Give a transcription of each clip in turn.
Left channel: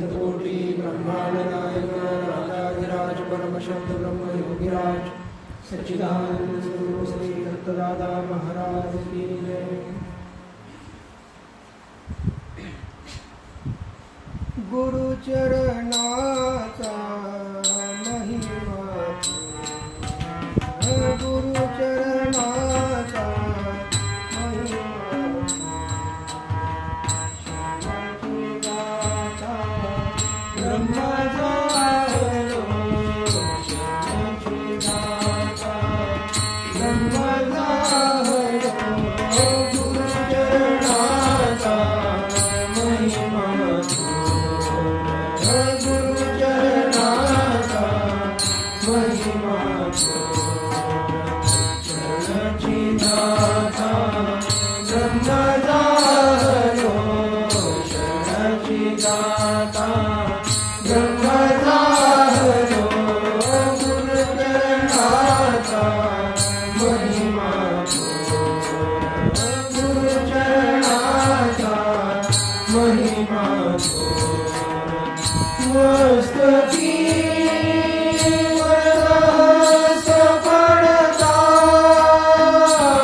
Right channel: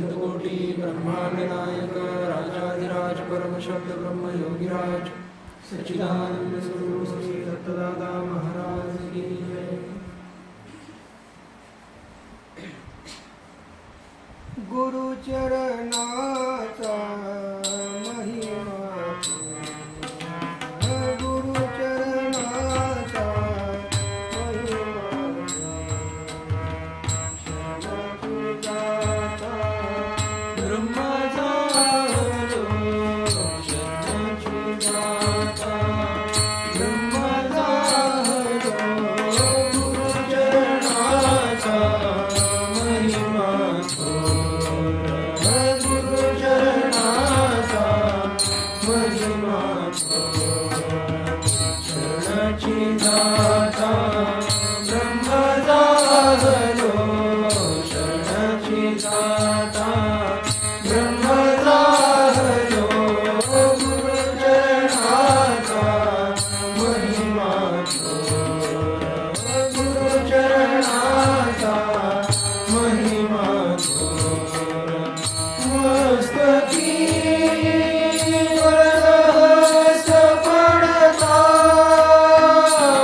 अनंतकोटी ब्रह्मांड नायक राजाधिराज परमशब्द ब्रह्म योगीराज सच्चिदानंद स्वरूप श्री दत्तदादा महाराज की जय। गुरुचरणाचा महिमा गुरुचरणाचा महिमा शरणदाता ब्रह्माचा हरो शरणदाता ब्रह्माचा हरो गुरुचरणाचा महिमा गुरुचरणाचा महिमा शरणाची दाता ब्रह्माचा हरो शरणाची दाता ब्रह्माचा हरो गुरुचरणाचा महिमा गुरुचरणाचा महिमा मस्तकी वरदहस्त पडता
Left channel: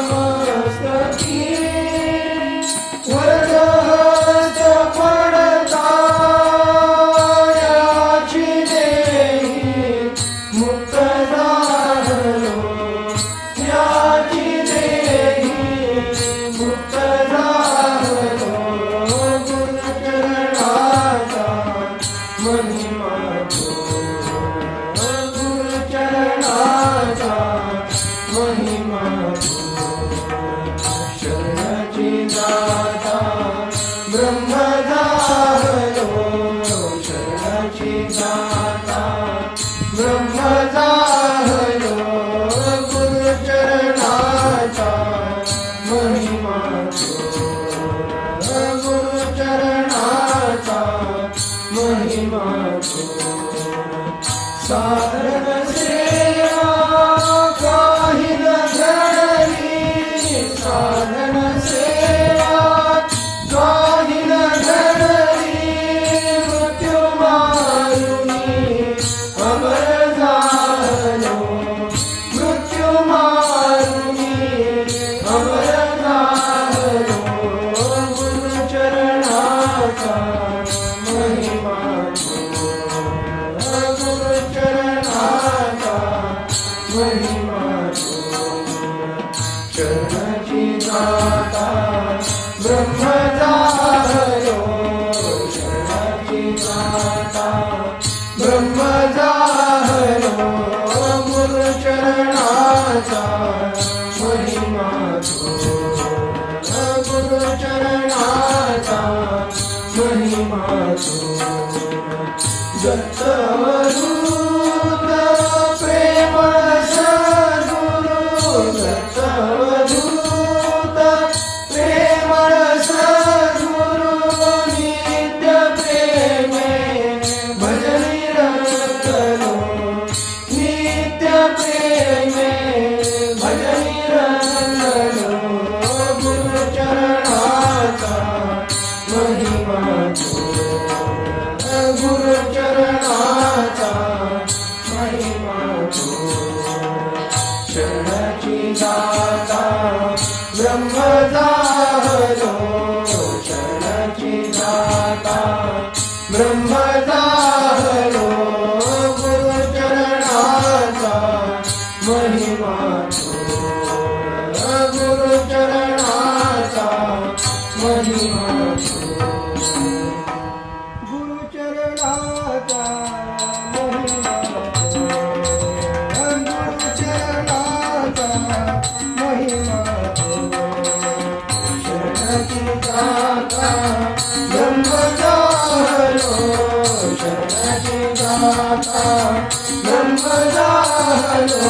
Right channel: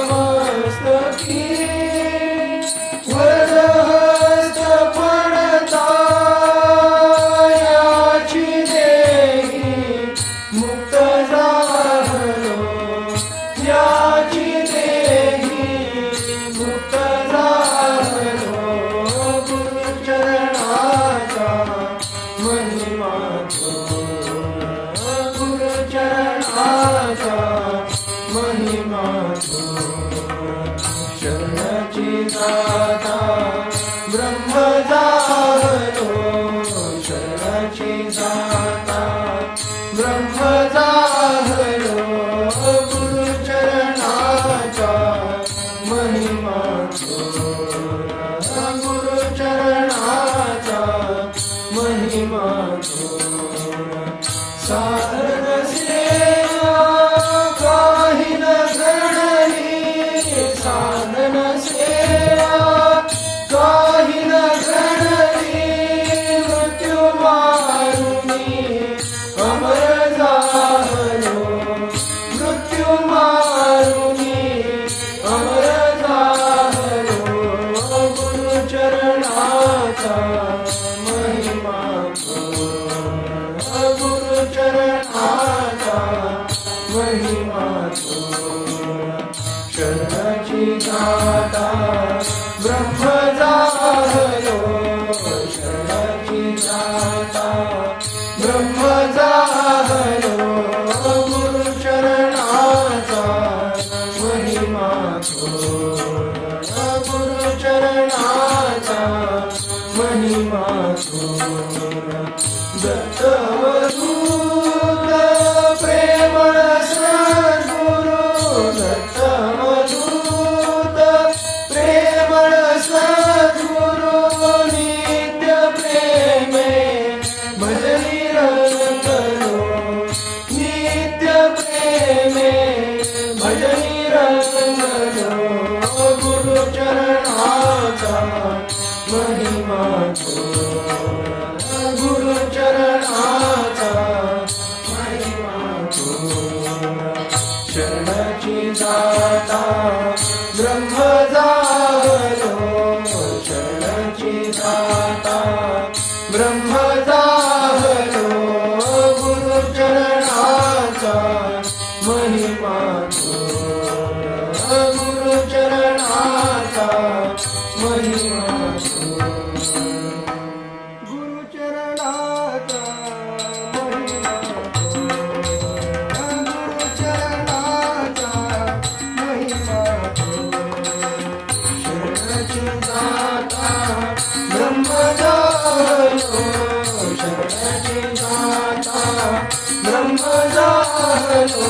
मस्तकी वरदहस्त पडता याची देही मुक्त झालो याची देही मुक्त झालो गुरुचरणाचा महिमा गुरुचरणाचा महिमा शरणाची दाता ब्रह्मचा हरो शरणाची दाता ब्रह्मचा हरो गुरुचरणाचा महिमा गुरुचरणाचा महिमा साधन सेवा काही न घडली साधन सेवा काही न घडली मृत्यू मारुनी अमर झालो मृत्यू मारुनी अमर झालो गुरुचरणाचा महिमा गुरुचरणाचा महिमा शरणाची दाता ब्रह्मचा हरो शरणाची दाता ब्रह्मचा हरो गुरुचरणाचा महिमा गुरुचरणाचा महिमा दत्तवधूत प्रेमळ सद्गुरु दत्तवधूत प्रेमळ सद्गुरु नित्य प्रेमे भजनी रंगलो नित्य प्रेमे भजनी रंगलो गुरुचरणाचा महिमा गुरुचरणाचा महिमा शरणाची दाता ब्रह्मचा हरो शरणाची दाता ब्रह्मचा हरो गुरुचरणाचा महिमा गुरुचरणाचा महिमा गुरुचरणाचा महिमा गुरुचरणाचा महिमा शरणाची दाता ब्रह्मचा हरो शरणाची दाता ब्रह्मचा हरो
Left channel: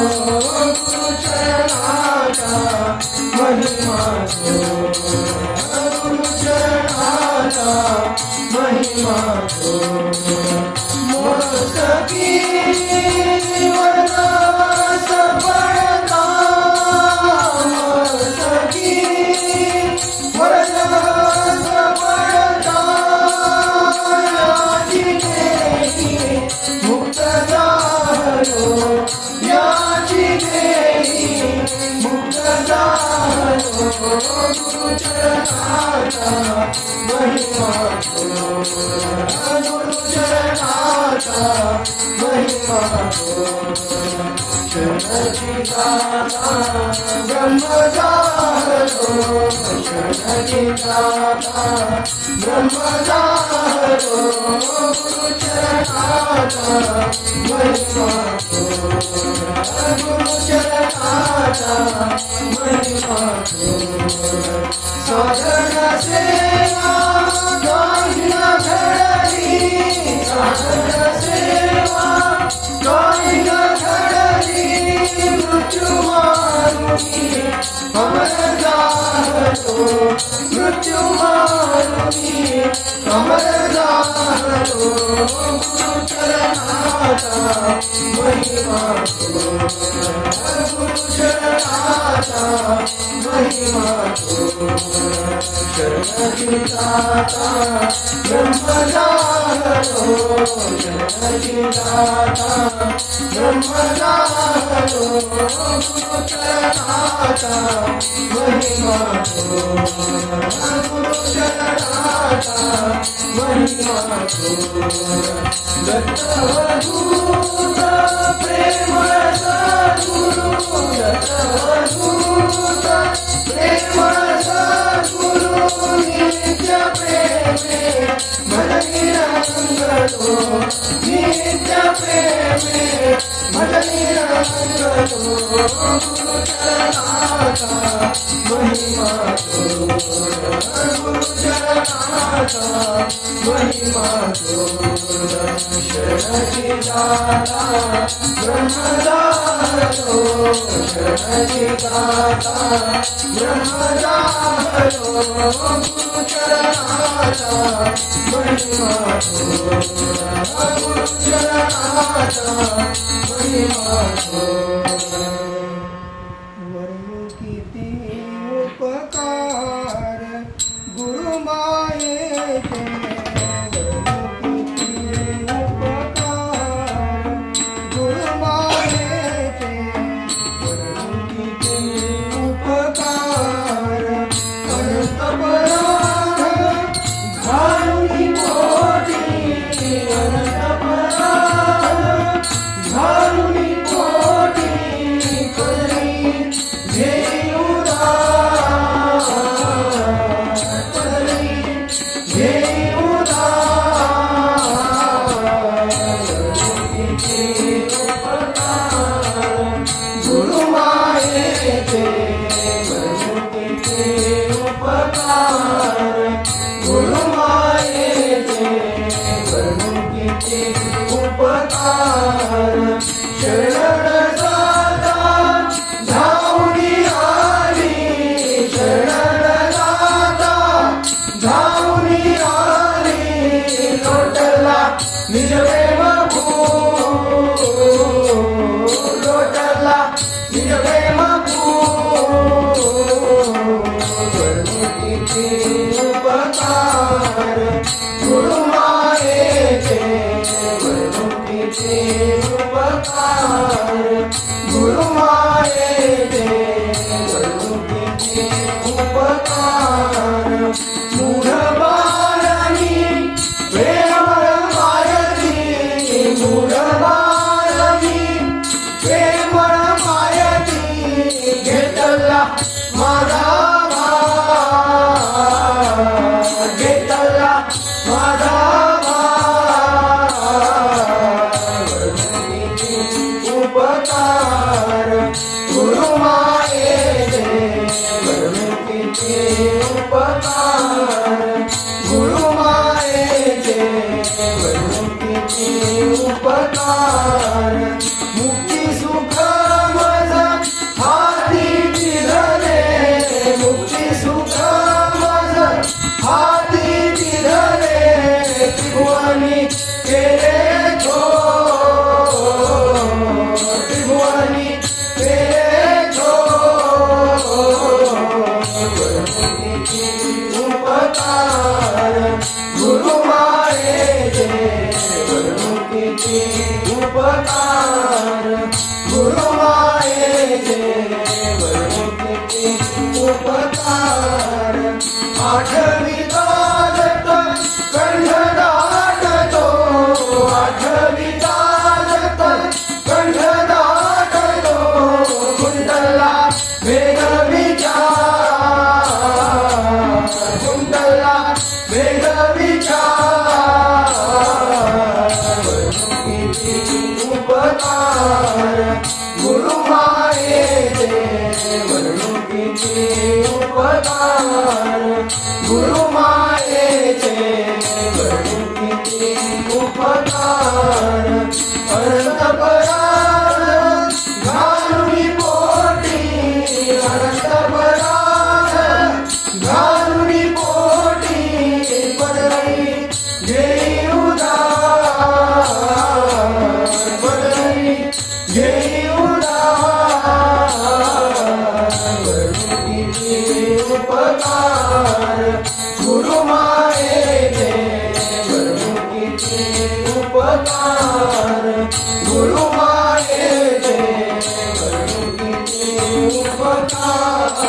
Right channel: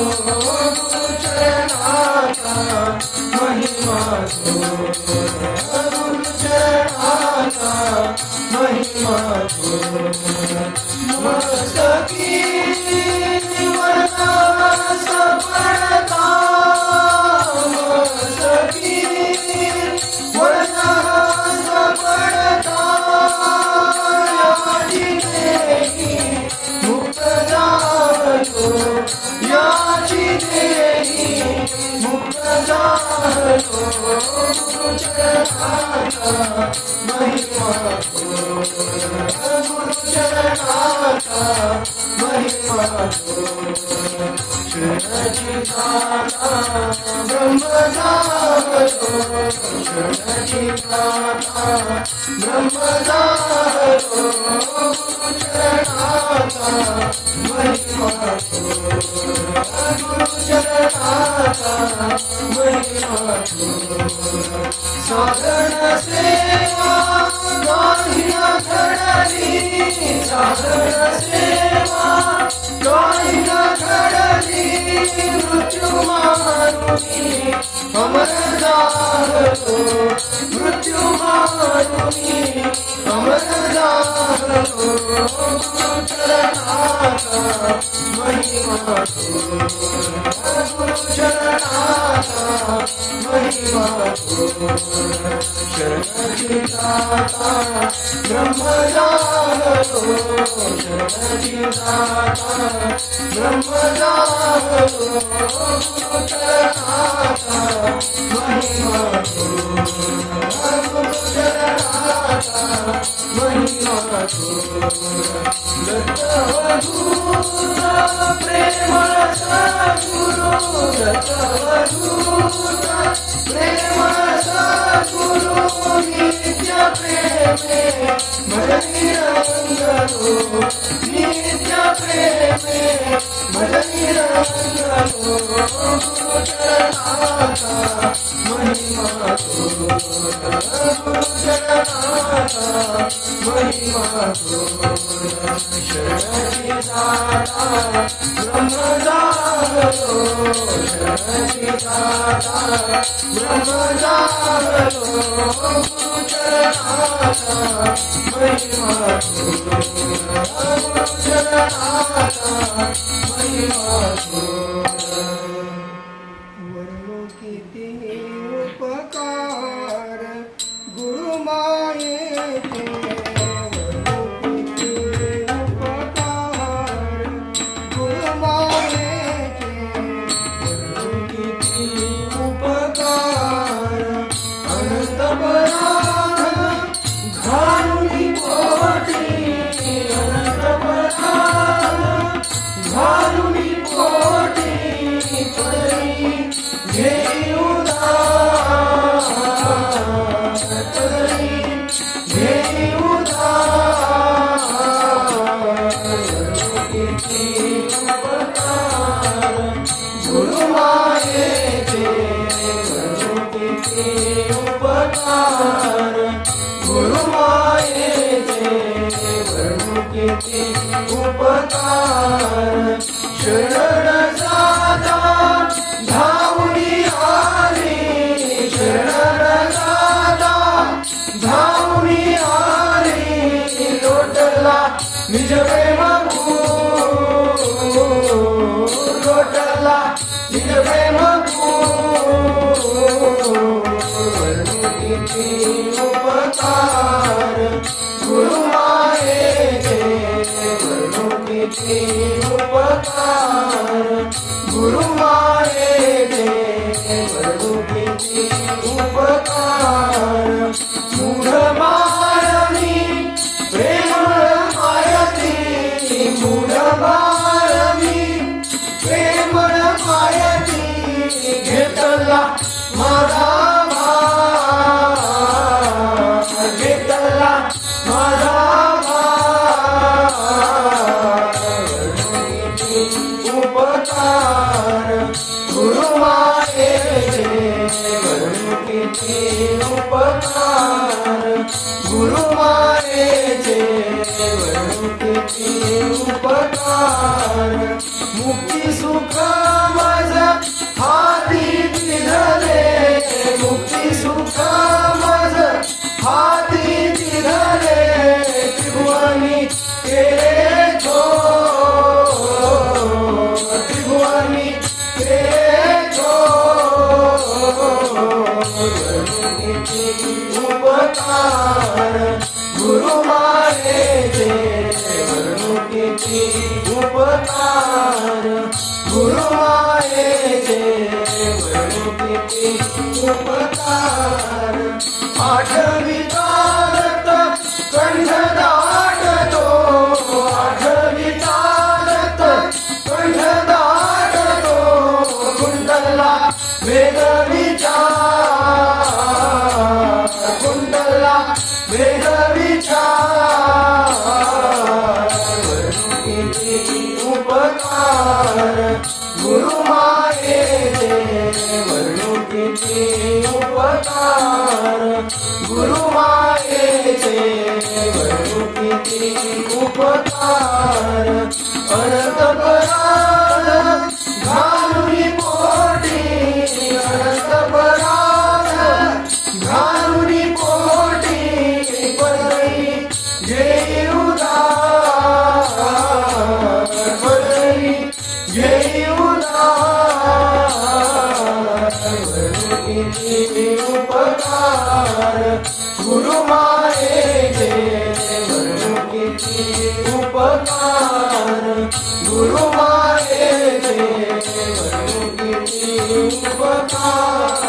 गुरुचरणाचा महिमा गुरुचरणाचा महिमा मस्तकी वरदहस्त पडता मस्तकी वरदहस्त पडता याची गुरुचरणाचा महिमा गुरुचरणाचा महिमा शरणची गाथा ब्रह्मजातो शरणची गाथा ब्रह्मजातो गुरुचरणाचा महिमा गुरुचरणाचा महिमा साधन सेवा गायिना घडली साधन सेवा गायिना घडली मृत्यू मारुनी अमर जातो मृत्यू मारुनी अमर जातो गुरुचरणाचा महिमा गुरुचरणाचा महिमा शरणची गाथा ब्रह्मजातो शरणची गाथा ब्रह्मजातो गुरुचरणाचा महिमा गुरुचरणाचा महिमा दत्तवधूत प्रेम सद्गुरु दत्तवधूत प्रेम सद्गुरु नित्य प्रेमे भजनी रंगतो नित्य प्रेमे भजनी रंगतो गुरुचरणाचा महिमा गुरुचरणाचा महिमा शरणची गाथा ब्रह्मजातो शरणची गाथा ब्रह्मजातो गुरुचरणाचा महिमा गुरुचरणाचा महिमा वर्णू किती उपकार गुरुमायेचे वर्णू किती उपकार गुरुमायेचे वर्णू किती उपकार अनंत पराग घालूनी पोटी अनंत पराग घालूनी पोटी करी घेई उदार करी घेई उदार किती उपकार गुरुमायेचे किती उपकार गुरुमायेचे किती उपकार शरण जाता धावणी आली शरण जाता धावणी आली लोटला निज प्रेम लोटला निज प्रेम किती उपकार गुरुमायेचे किती उपकार गुरुमायेचे किती उपकार मूढ बाळानी प्रेमळ मायती मूढ बाळानी प्रेमळ मायती घेतला माझा घेतला माझा उपकार गुरुमायेचे किती उपकार गुरुमायेचे किती उपकार मुक्ती सुख माझा हाती धरे मुक्ती सुख माझा हाती धरे त्रिभुवनी केले त्रिभुवनी केले उपकार गुरुमायेचे किती उपकार किती उपकार आठविता दत्त कंठ दाटतो आठविता दत्त कंठ दाटतो कुंडला वेग विचार कुंडला वेग विचार किती उपकार गुरुमायेचे वर्णू किती उपकार गुरुमायेचे वर्णू किती उपकार अनंत परार्थ घालुनी पोटी अनंत परार्थ घालुनी पोटी पदवी घेई उदार पदवी घेई किती उपकार गुरुमायेचे वर्णू किती उपकार गुरुमायेचे वर्णू किती उपकार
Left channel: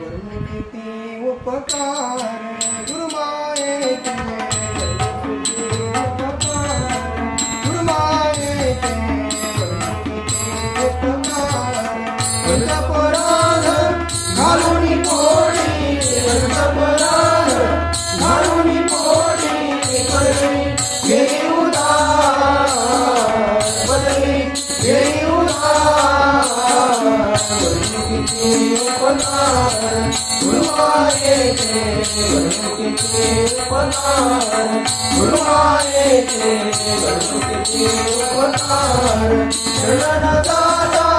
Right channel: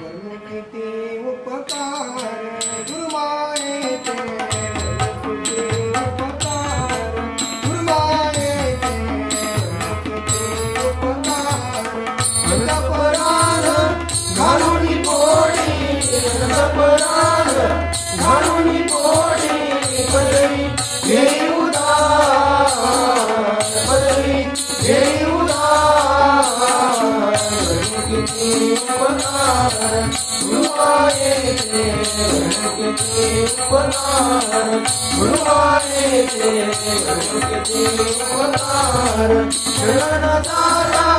वर्णू किती उपकार गुरुमायेचे वर्णू किती उपकार गुरुमायेचे वर्णू किती उपकार अंतःपराध घालुनी पोटी अंतःपराध घालुनी पोटी पदवी घेई उदार पदवी घेई उदार किती उपकार गुरुमायेचे वर्णू किती उपकार गुरुमायेचे वर्णू किती उपकार शरण जाता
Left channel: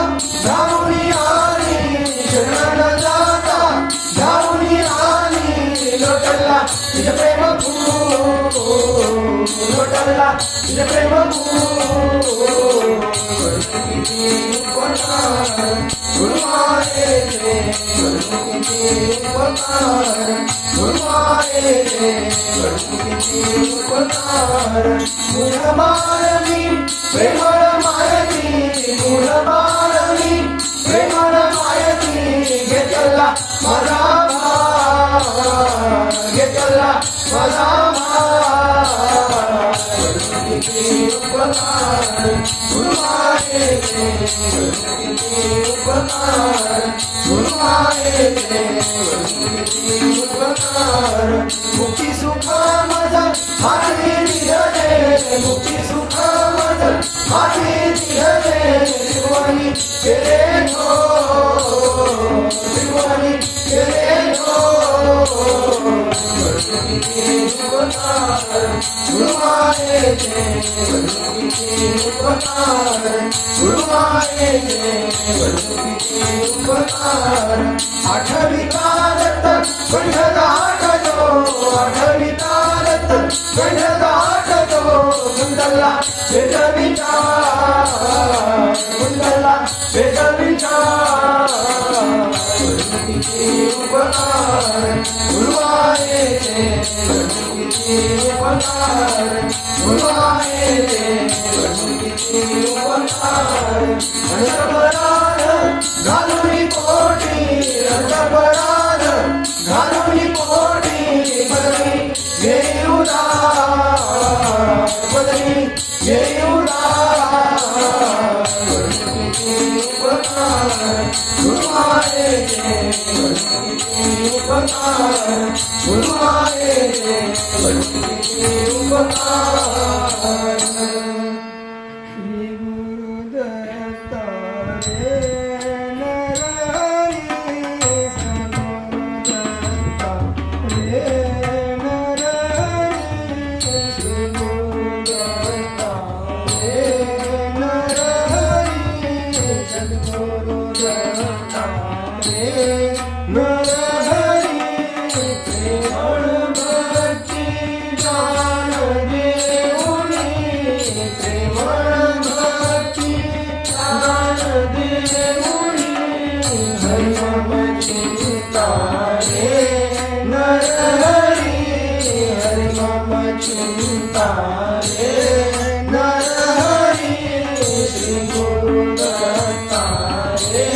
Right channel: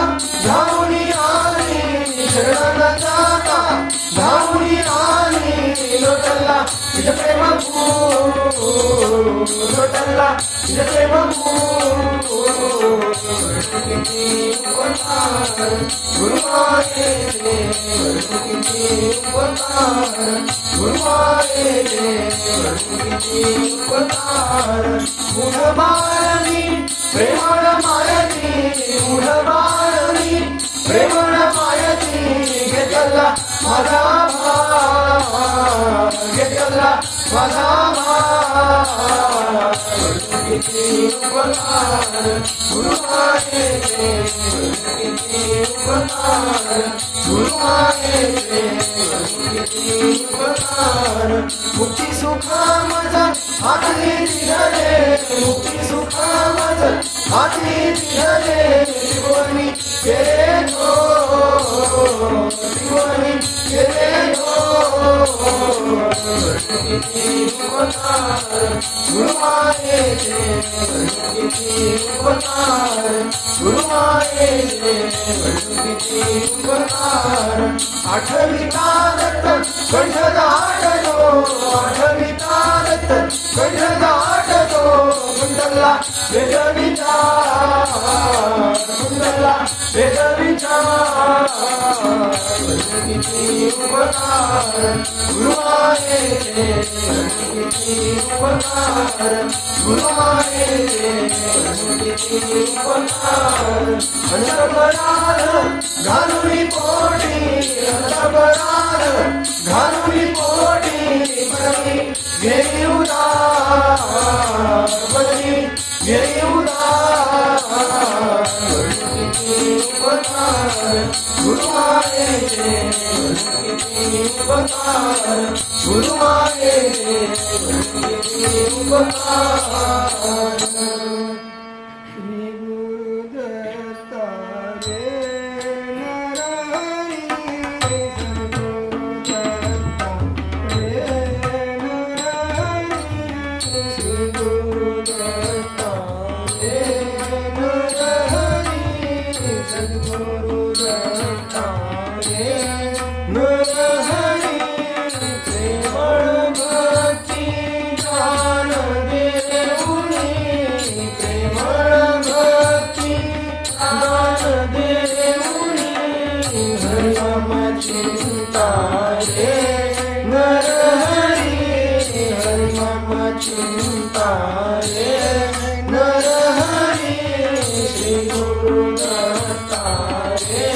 जाऊनी आली शरण जाता जाऊनी आली लोटला तुझे प्रेम लोटला तुझे प्रेम किती उपकार गुरुमायेचे वर्णू किती उपकार गुरुमायेचे वर्णू किती उपकार मूळ बाळनी प्रेमळ मायती मूळ बाळनी प्रेमळ मायती घेतला माझा घेतला माझा किती उपकार गुरुमायेचे किती उपकार गुरुमायेचे किती उपकार मुक्ती सुखा माझा हाती दिले मुक्ती सुखा माझा हाती दिले शिवणी केले नो शिवणी केले नो किती उपकार गुरुमायेचे किती उपकार गुरुमायेचे किती उपकार आठविता दत्त कंठ दाटतो आठविता दत्त कंठ दाटतो कुंडला वेद विचार कुंडला वेद विचार किती उपकार गुरुमायेचे किती उपकार गुरुमायेचे किती उपकार अंतःपराध घालुनी पोटी अंतःपराध घालुनी पोटी पदवी घेई उदार पदवी घेई उदार किती उपकार गुरुमायेचे किती उपकार गुरुमायेचे किती उपकार श्री गुरुदत्ता रे नरहरी सद्गुरुदत्ता रे नरहरी श्री गुरुदत्ता रे नरहरी सद्गुरुदत्ता रे नरहरी प्रेमळ भक्ती दान देऊनी प्रेमळ भक्ती दान देऊनी हरिनाम चिंता रे नरहरी हरिनाम चिंता रे नरहरी श्री गुरुदत्ता रे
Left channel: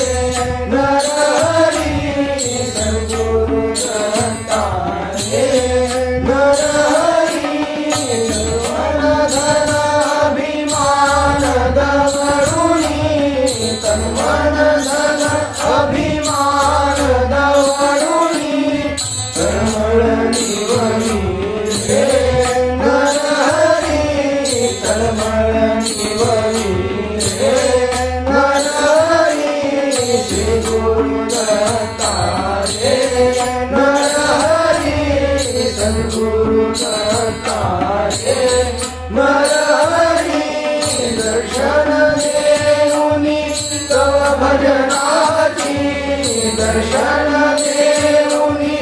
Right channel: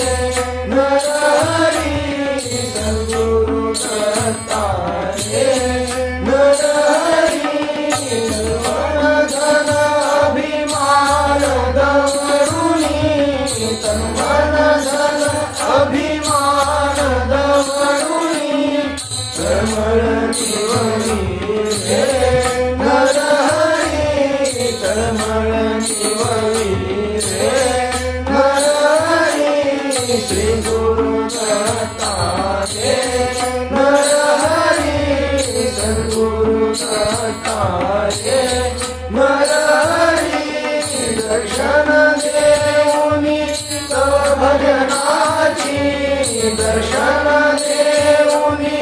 दर्शन देऊनी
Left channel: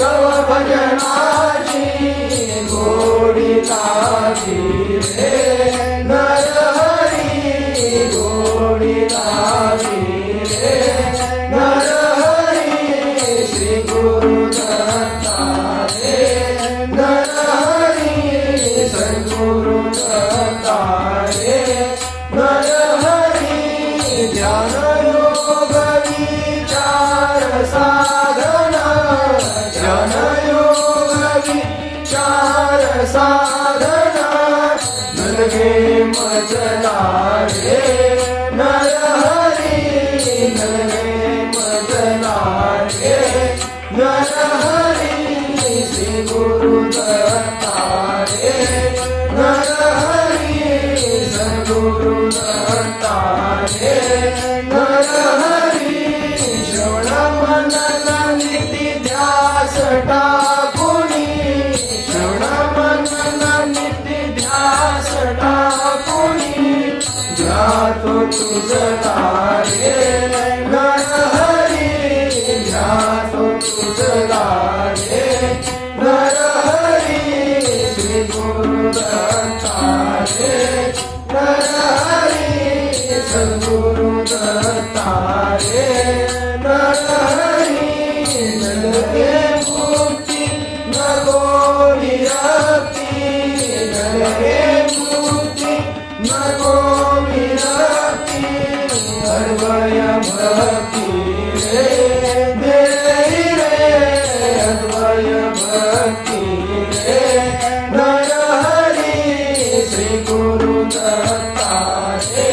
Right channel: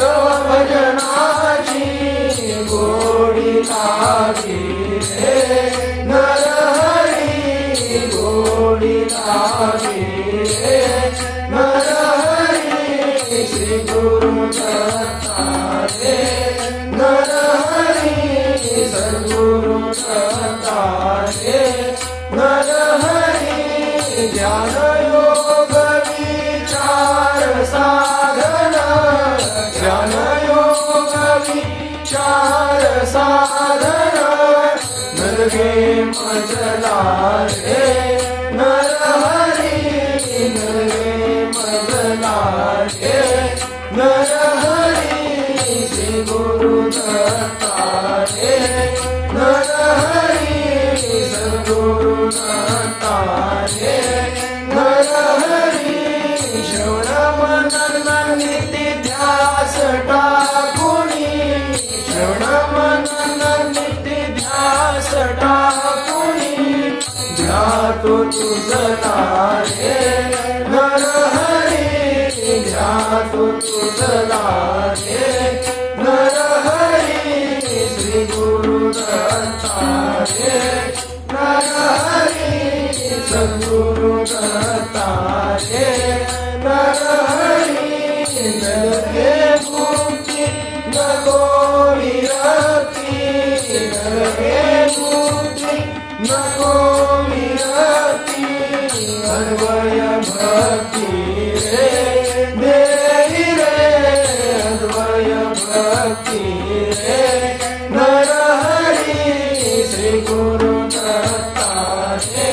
तव भजनाची गोडी लागी रे नरहरी गोडी लागी रे नरहरी श्री गुरु दत्ता रे नरहरी सद्गुरु दत्ता रे नरहरी ज्ञान योग विचार साधना ज्ञान योग विचार साधना नरगे मजला रे नरहरी नरगे मजला रे नरहरी श्री गुरु दत्ता रे नरहरी सद्गुरु दत्ता रे नरहरी श्रवण मनन नित्य ध्यास टाकुनी श्रवण मनन नित्य ध्यास टाकुनी ध्यातो तुझला रे नरहरी ध्यातो तुझला रे नरहरी श्री गुरु दत्ता रे नरहरी सद्गुरु दत्ता रे नरहरी नरगे मुक्ती नको विरक्ती नरगे मुक्ती नको विरक्ती अन्वय भक्ती रे देवी रे अन्वय भक्ती रे नरहरी श्री गुरु दत्ता रे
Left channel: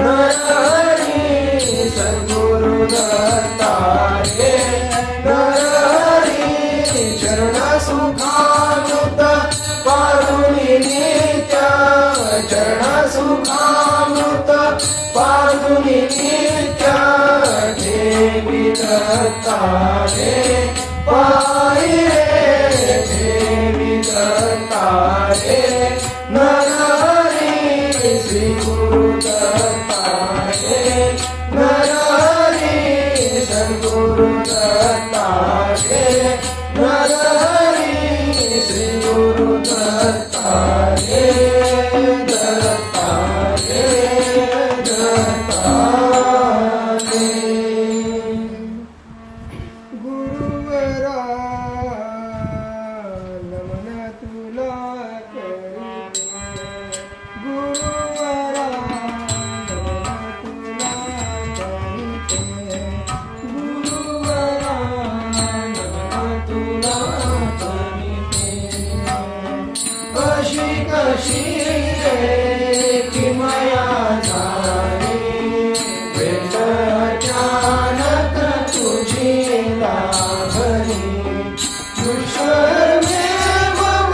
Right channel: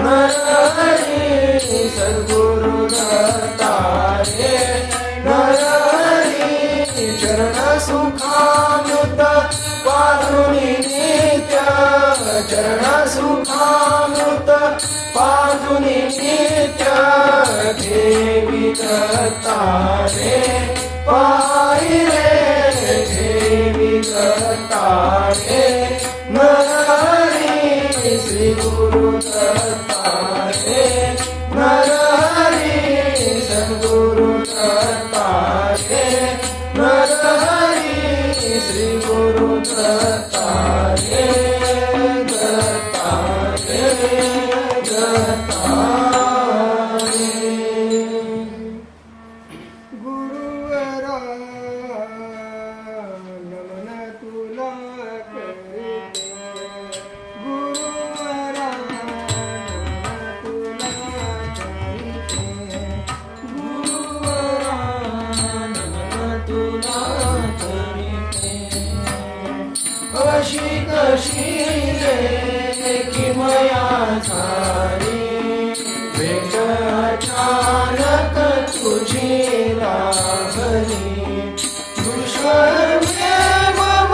नरहरी सद्गुरु दत्ता रे नरहरी चरण सुखामृत पारुणी नित्य चरण सुखामृत पारुणी नित्य देवी दत्ता रे पायी रे देवी दत्ता रे नरहरी श्री गुरु दत्ता रे नरहरी सद्गुरु दत्ता रे नरहरी श्री गुरु दत्ता रे दत्ता रे दत्ता रे गुरुवरा नमन तुला करीते गुरुवरा नमन तुला करीते गुरुवरा नमन तुला करीते अशी कशी रे किमया झाली भेट अचानक तुझी लाभली दुष्कर्मे मम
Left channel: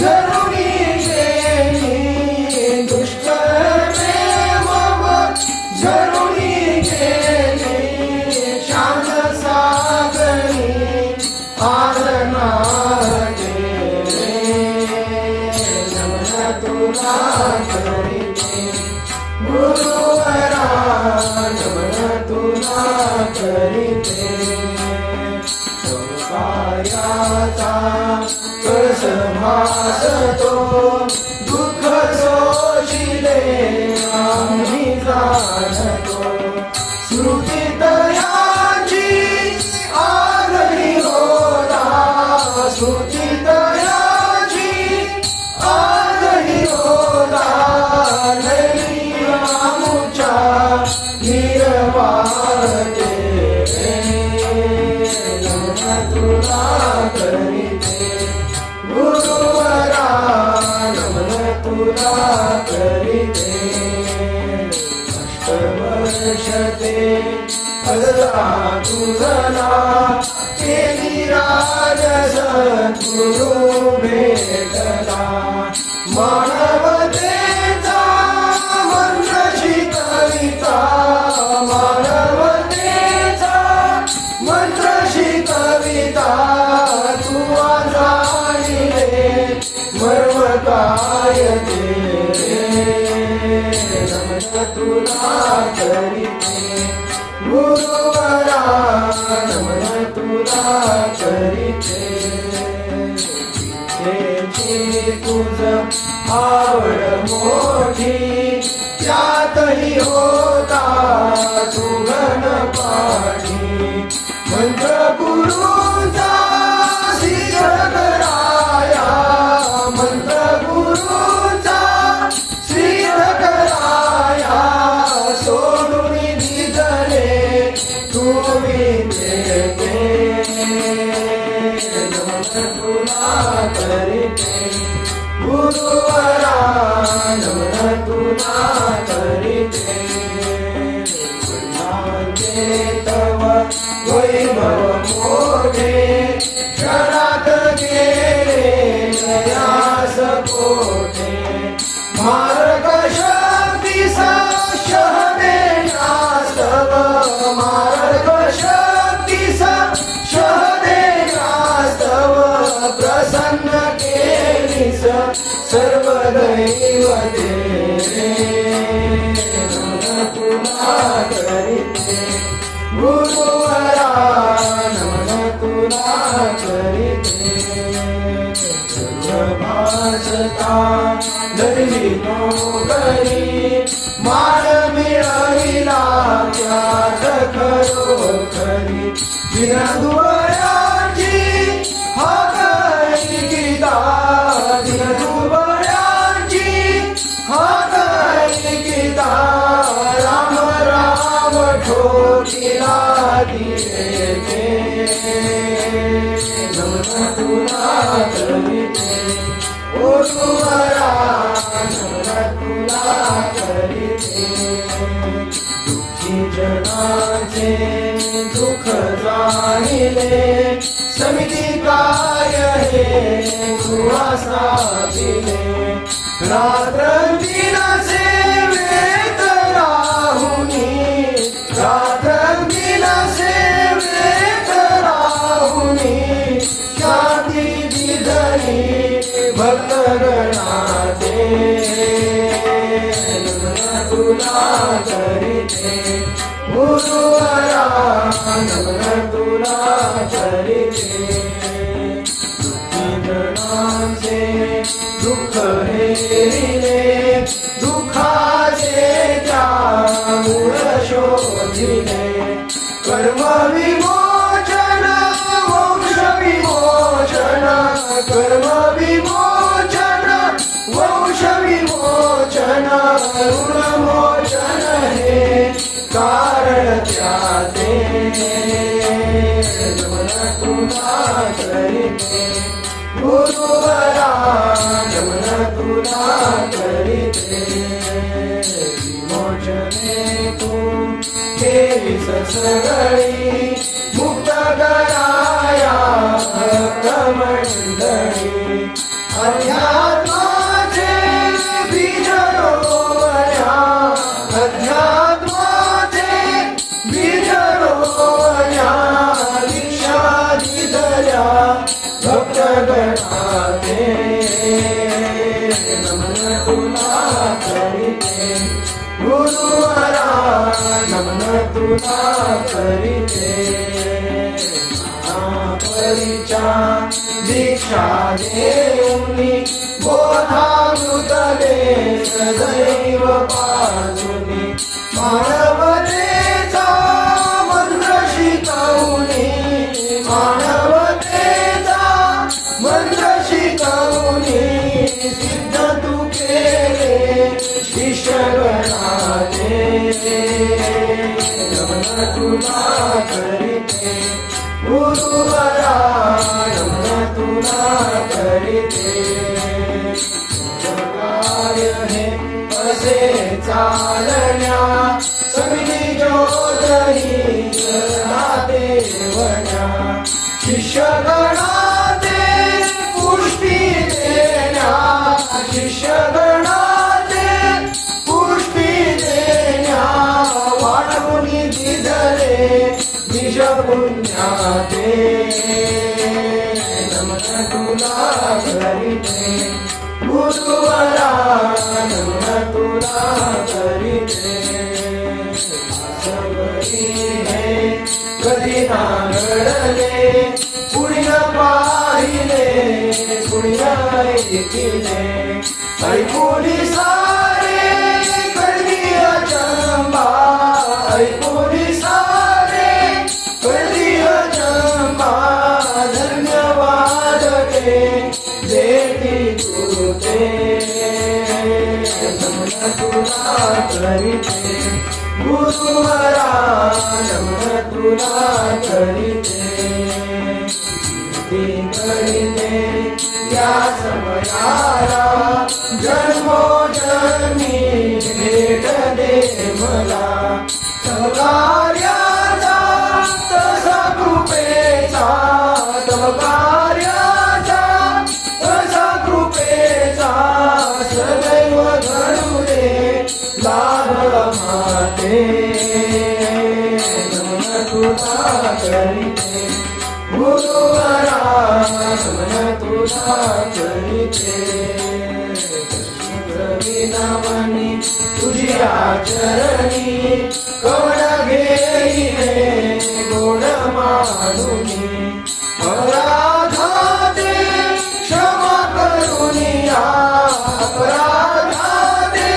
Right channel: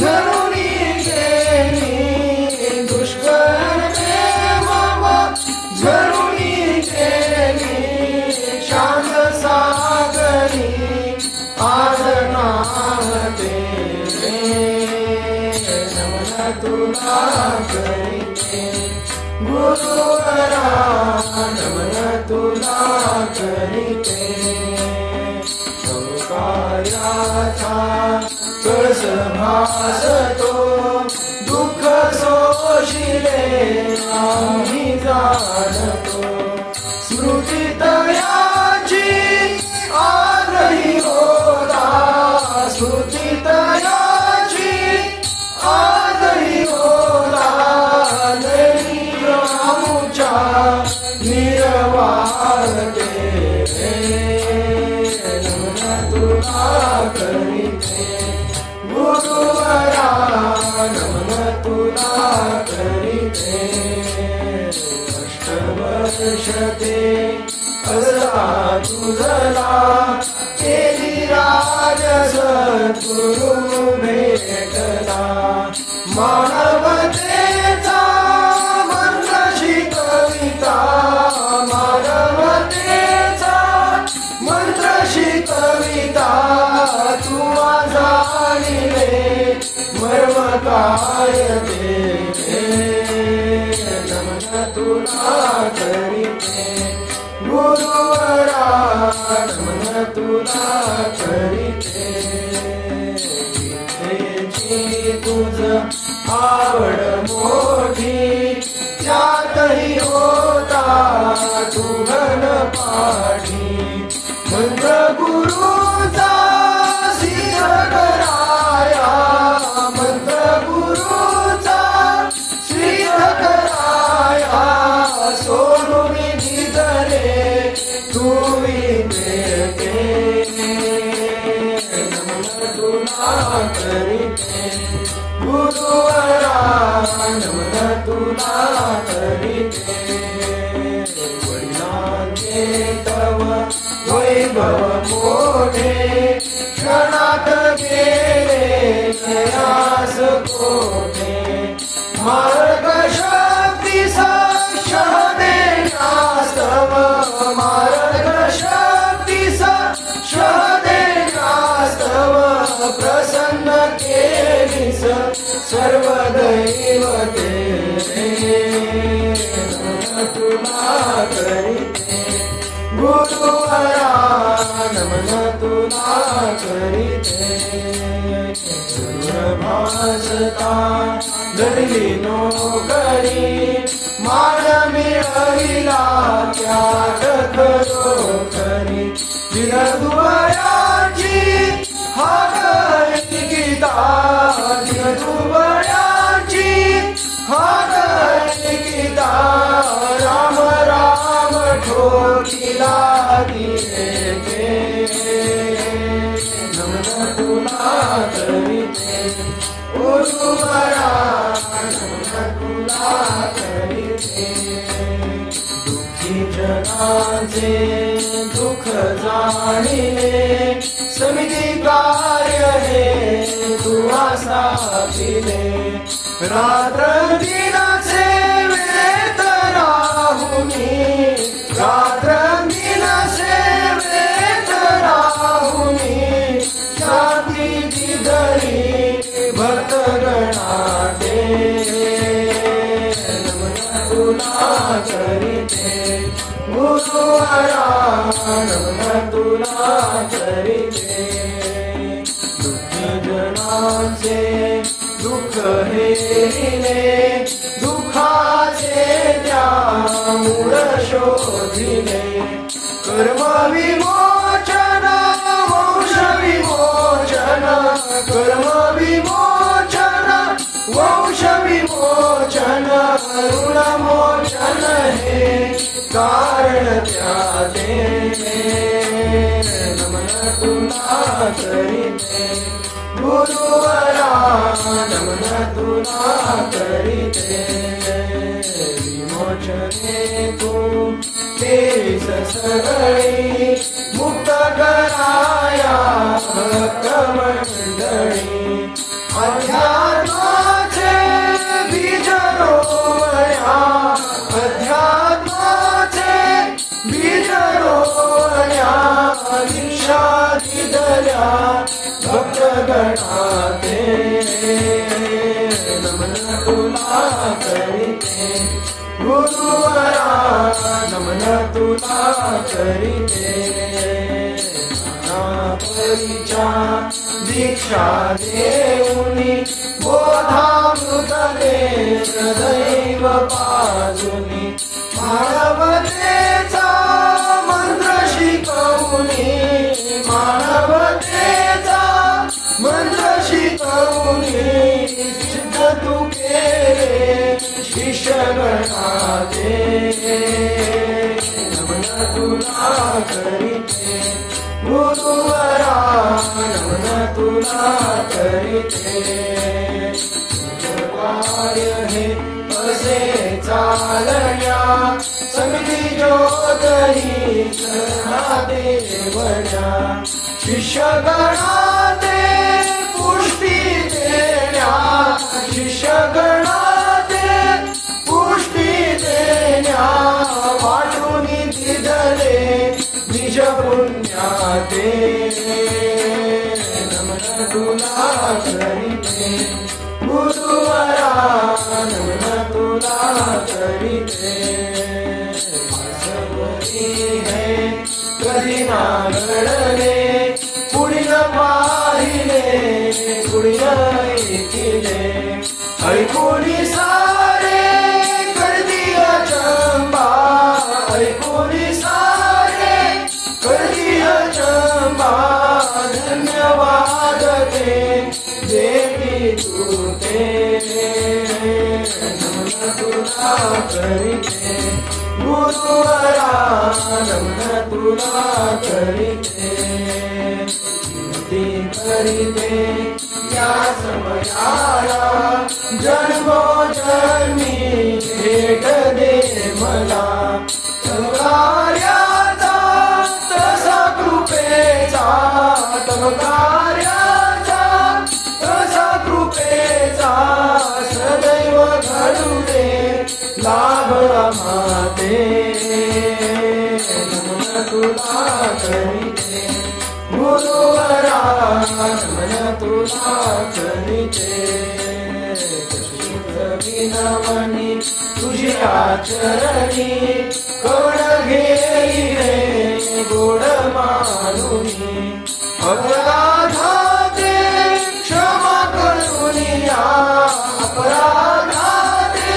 जरुरी गेली दुष्कर्मे मम जरुरी गेली शांत सागरी आरणाते नमन तुला करीते गुरुवरा नमन तुला करीते कायाचा कळसमास तो दुःख सोशिले आम्ही जाणतो स्मृती तयाची आजही होला स्मृती तयाची आजही होला नैर आमुच्या निर्वाहते नमन तुला करीते गुरुवरा नमन तुला करीते अष्टवर्षते अजला तुझला केली राजस गुरु भेटला मानवतेचा मंत्र शिकविता मानवतेचा मंत्र शिकविता तू जाणिले मर्म काय ते नमन तुला करीते गुरुवरा नमन तुला करीते विद्येची तुझ आवड मोठी त्यातही होता तू पाठी मंत्र गुरुचा सिद्ध कराया मंत्र गुरुचा सिद्ध कराया सोडून दिले तुम्ही देते नमन तुला करीते गुरुवरा नमन तुला करीते तव वैभव मोठे क्षणात गेले जयास कोठे मार्ग शक्तीसा शहदेनास्तव मार्ग शक्तीसा शहदेनास्तव प्रसन्न केलीस सर्व दैवते तुला करीते गुरुवरा नमन तुला करीते भासता धरली नोकरी मान मिळविला त्यात खरोखरी दिनदुबळ्याची हाक गीता दिनदुबळ्याची हाक गीता राम राम ठोकिला दिले नमन तुला करीते गुरुवरा नमन तुला करीते दुःखी जगाचे दुःख जाणिले समिती कार्य हे तुला साधिले रात्र दिनाचे वेत राहुनी रात्र दिनाचे वेत राहुनी शांती दिधरी भक्तगणाते नमन तुला करीते गुरुवरा नमन तुला करीते गणाचे दुःख हेरिले दुःखाचे त्या मूळ शोधिले कर्म विमोचन वंश विमोचन कर्म विमोचन वंश विमोचन ऋणमोचन हे कारण त्याचे नमन तुला करीते गुरुवरा नमन तुला करीते विमोचने तू तेच सगळी मुक्त कराया भक्तमंडळी अध्यात्माचे बीज रोवण्या अध्यात्माचे बीज रोवण्या दीक्षा दिदल्या भक्तगणाते नमन तुला करीते गुरुवरा नमन तुला करीते महापरीच्या दीक्षा देऊनी बोधामृत दे सदैव पाजुनी मानवतेचा मंत्र शिकवूनी मानवतेचा मंत्र शिकवूनी सिद्ध तू केले शिष्यगणाते नमन तुला करीते गुरुवरा नमन तुला करीते कार्य हे असे चालण्या समिती ज्योतही देवण्या शिष्यगणाते पुष्टी देण्या शिष्यगणाते पुष्टी देण्या वाटून दिधले निज पुण्याते नमन तुला करीते गुरुवरा नमन तुला करीते आहे कधी ना घडले पुढील पाहिले पुढील ऐकिले ऐकोनी सारे कळली अचंबा ऐकोनी सारे कळली अचंबा धन्यवाद ते देवी तुते नमन तुला करीते गुरुवरा नमन तुला करीते करीते या समयाला जन्मोजन्मी भेट दे मला तव कार्याचा तसा कृपेचा तव कार्याचा तसा कृपेचा सदैव घडू दे लाभ माते नमन तुला करीते गुरुवरा नमन तुला करीते विनवनी तुझी आचरणी कवण घेई रे गोड मानुनी अपराधाते क्षमा करुनिया अपराधाते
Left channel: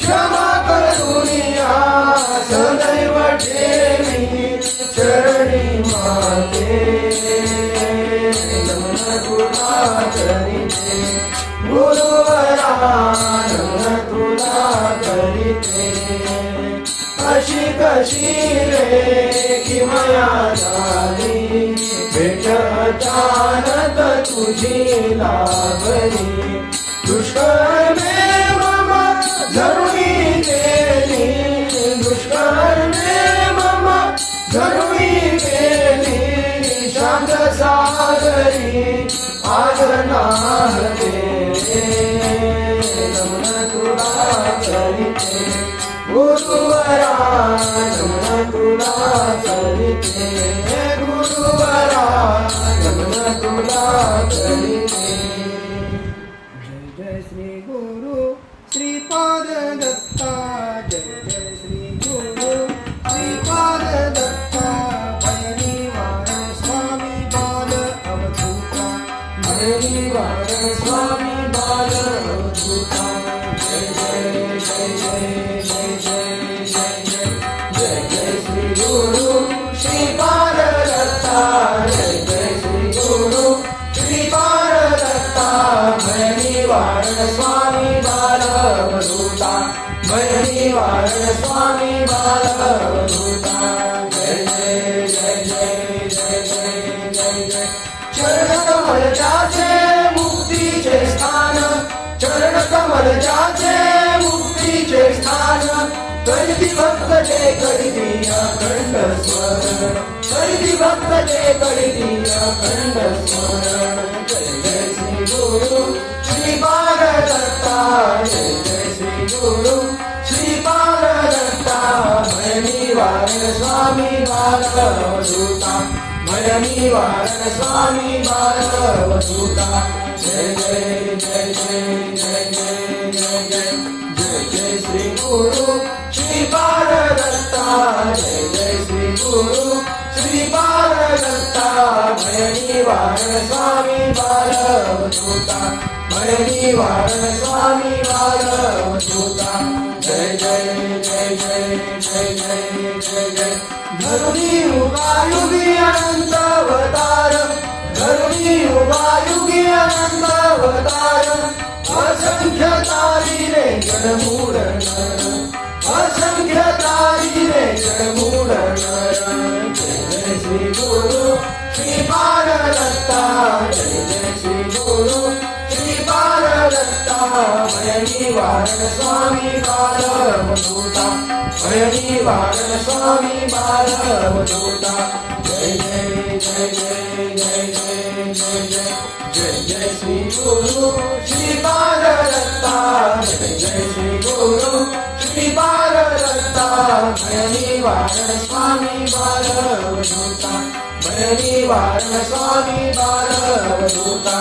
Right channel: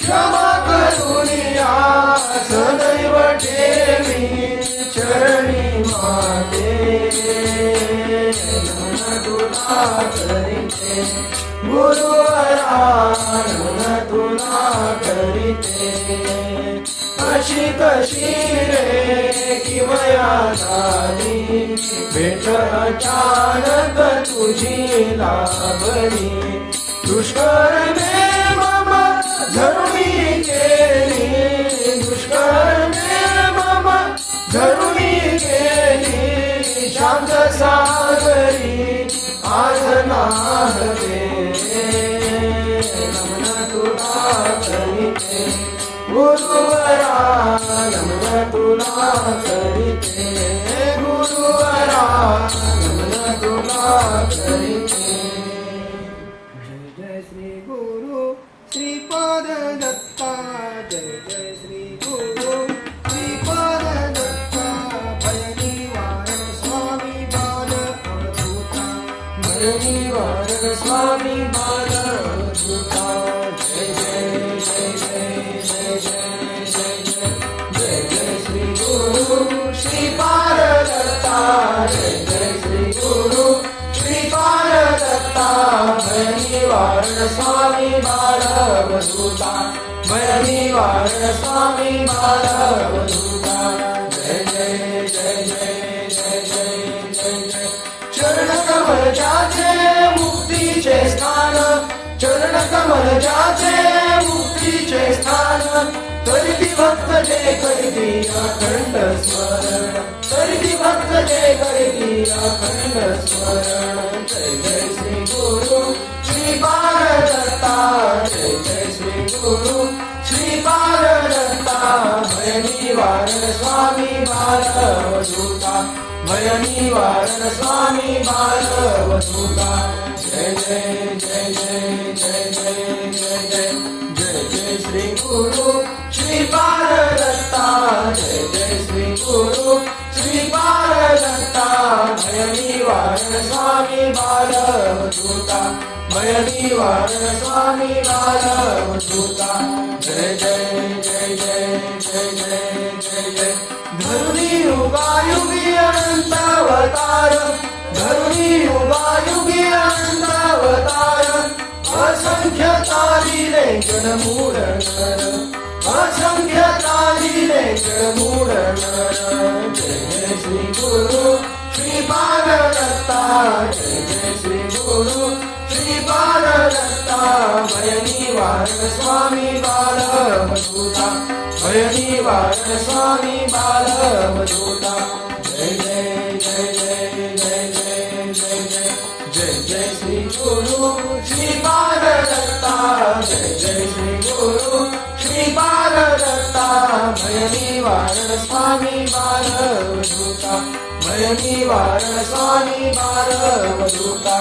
क्षमा करुनिया सदैव ठेवी चरणी माते नमन तुला करीते गुरुवरा नमन तुला करीते अशी कशी रे किमया झाली भेट अचानक तुझी लाभली दुष्कळ मे मम धरुणी गेली दुष्कळ मे मम धरुणी गेली शांत सागरी आज नाहरे नमन तुला करीते गुरुवरा नमन तुला करीते गुरुवरा नमन तुला करीते जय जय श्री गुरु श्रीपाद दत्ता जय जय श्री गुरु श्रीपाद दत्ता भय निवारण स्वामी बाल अवधूता निवारण स्वामी बाल अवधूता जय जय जय जय जय जय जय जय जय जय श्री गुरु श्रीपाद दत्ता जय जय श्री गुरु श्रीपाद दत्ता भय निवारण स्वामी बाल अवधूता भय निवारण स्वामी बाल अवधूता जय जय जय जय जय जय जय जय चरण कमल जाचे मुक्तीचे स्थान चरण कमल जाचे मुक्तीचे स्थान करिती भक्त जे करिती अखंड स्मरण करिती भक्त जे करिती अखंड स्मरण जय जय श्री गुरु श्रीपाद दत्ता जय जय श्री गुरु श्रीपाद दत्ता भय निवारण स्वामी बाल अवधूता भय निवारण स्वामी बाल अवधूता जय जय जय जय जय जय जय जय जय जय श्री गुरु श्रीपाद दत्ता जय जय श्री गुरु श्रीपाद दत्ता भय निवारण स्वामी बाल अवधूता भय निवारण स्वामी बाल अवधूता जय जय जय जय जय जय जय जय धरुणी युगायुगी अनंत अवतार धरुणी युगायुगी अनंत अवतार असंख्य तारिले जडमूळ नर असंख्य तारिले जडमूळ नर जय जय श्री गुरु श्रीपाद दत्ता जय जय श्री गुरु श्रीपाद दत्ता भय निवारण स्वामी बाल अवधूता भय निवारण स्वामी बाल अवधूता जय जय जय जय जय जय जय जय जय जय श्री गुरु श्रीपाद दत्ता जय जय श्री गुरु श्रीपाद दत्ता भय निवारण स्वामी बाल अवधूता भय निवारण स्वामी बाल अवधूता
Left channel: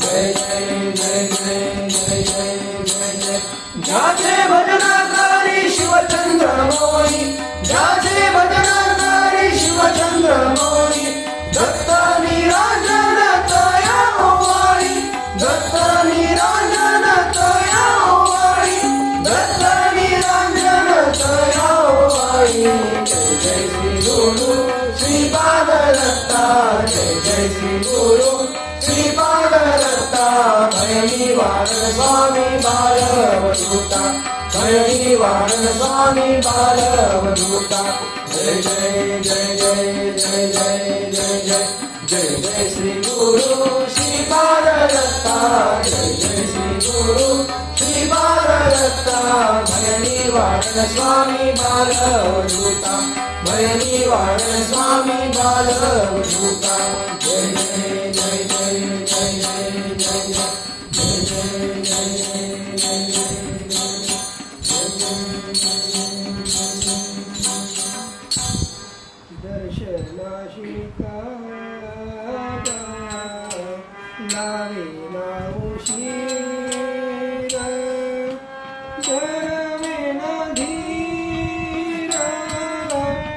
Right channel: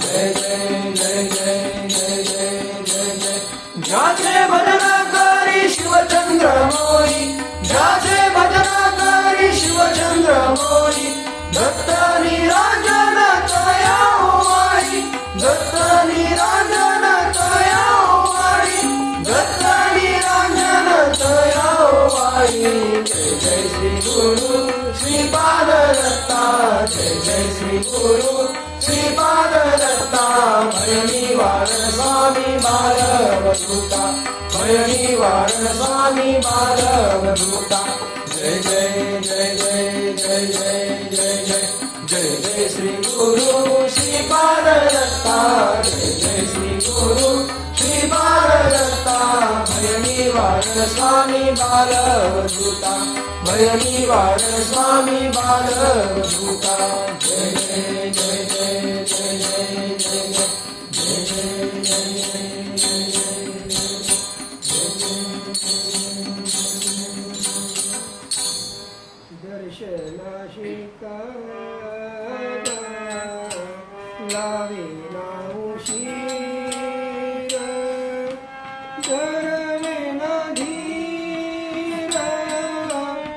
जय जय जय जय जय जय जय जय ज्याचे भजनाकारी शिवचंद्र मोरी ज्याचे भजनाकारी जय श्री गुरु श्रीपाद दत्ता जय जय श्री गुरु श्रीपाद दत्ता भय निवारण स्वामी बालवधूता भय निवारण स्वामी बालवधूता जय जय जय जय जय जय जय जय जय जय श्री गुरु श्रीपाद दत्ता जय जय श्री गुरु श्रीपाद दत्ता भय निवारण स्वामी बालवधूता भय निवारण स्वामी बालवधूता जय जय जय जय जय जय जय जय जय जय जय जय दर्शनाशी लावेला उशीर धरवेना धीर आता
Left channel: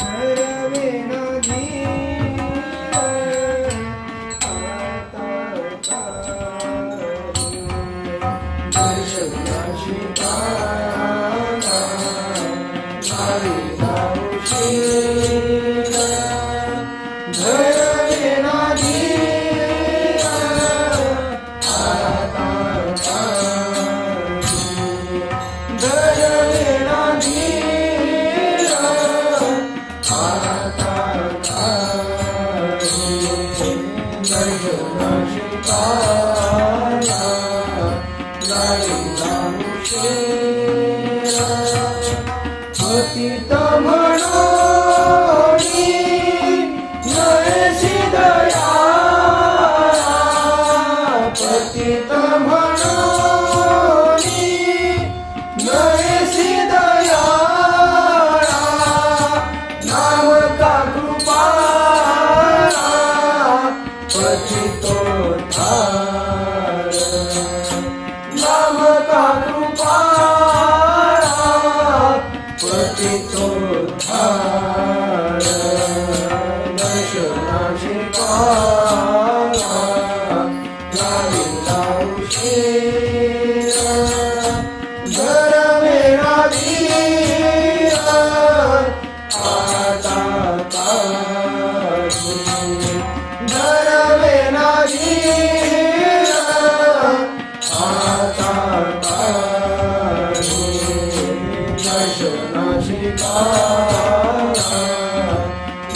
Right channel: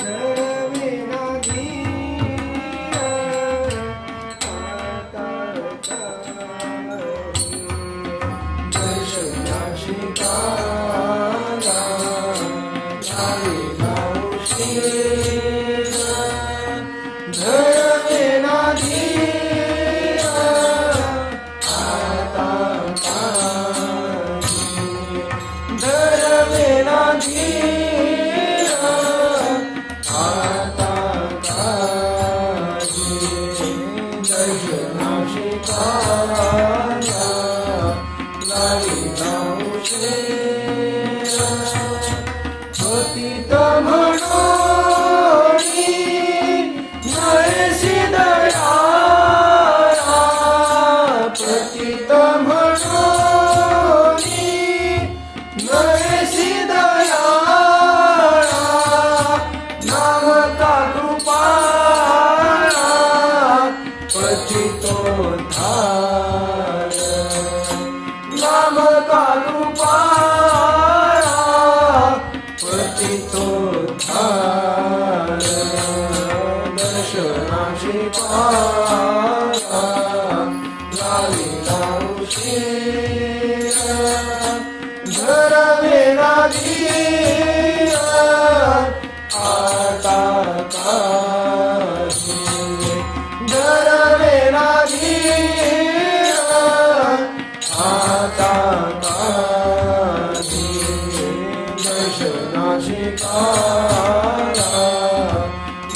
धरवेना धीर आता दर्शनाशी पतित म्हणोनी नयसी दया पतित म्हणोनी नयसी दया नाम का कृपाळा पतितोद्धार नाम का कृपाळा पतितोद्धार दर्शनाशी लाविला उशीर धरवेना धीर आता काशी धरवेना धीर आता काशी दर्शनाशी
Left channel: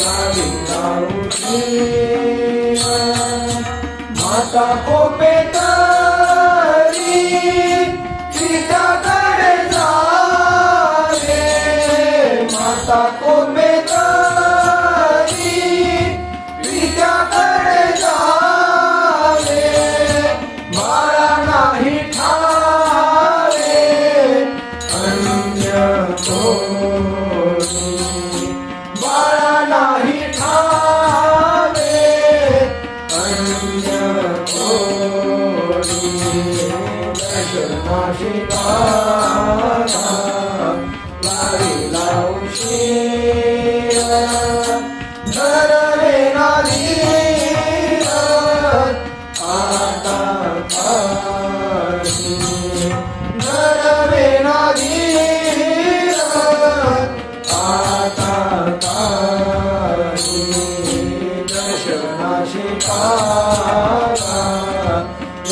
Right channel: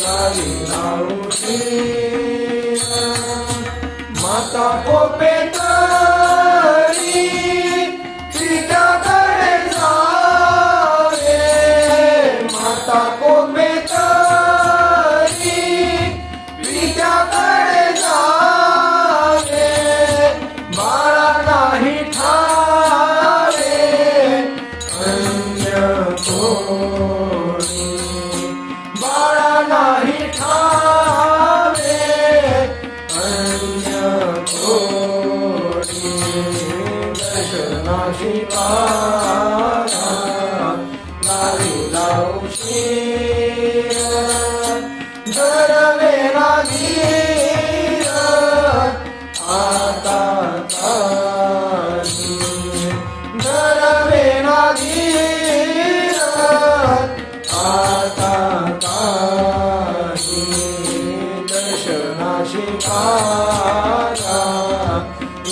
लाविला उशीर माता कोपेतरी सीताकडे जावे माता कोपेतरी सीताकडे जावे बाळा नाही ठावे अन्य कोणी बाळा नाही ठावे अन्य कोणी दर्शनाशी लाविला उशीर धरवेना धीर आता काशी धरवेना धीर आता काशी दर्शनाशी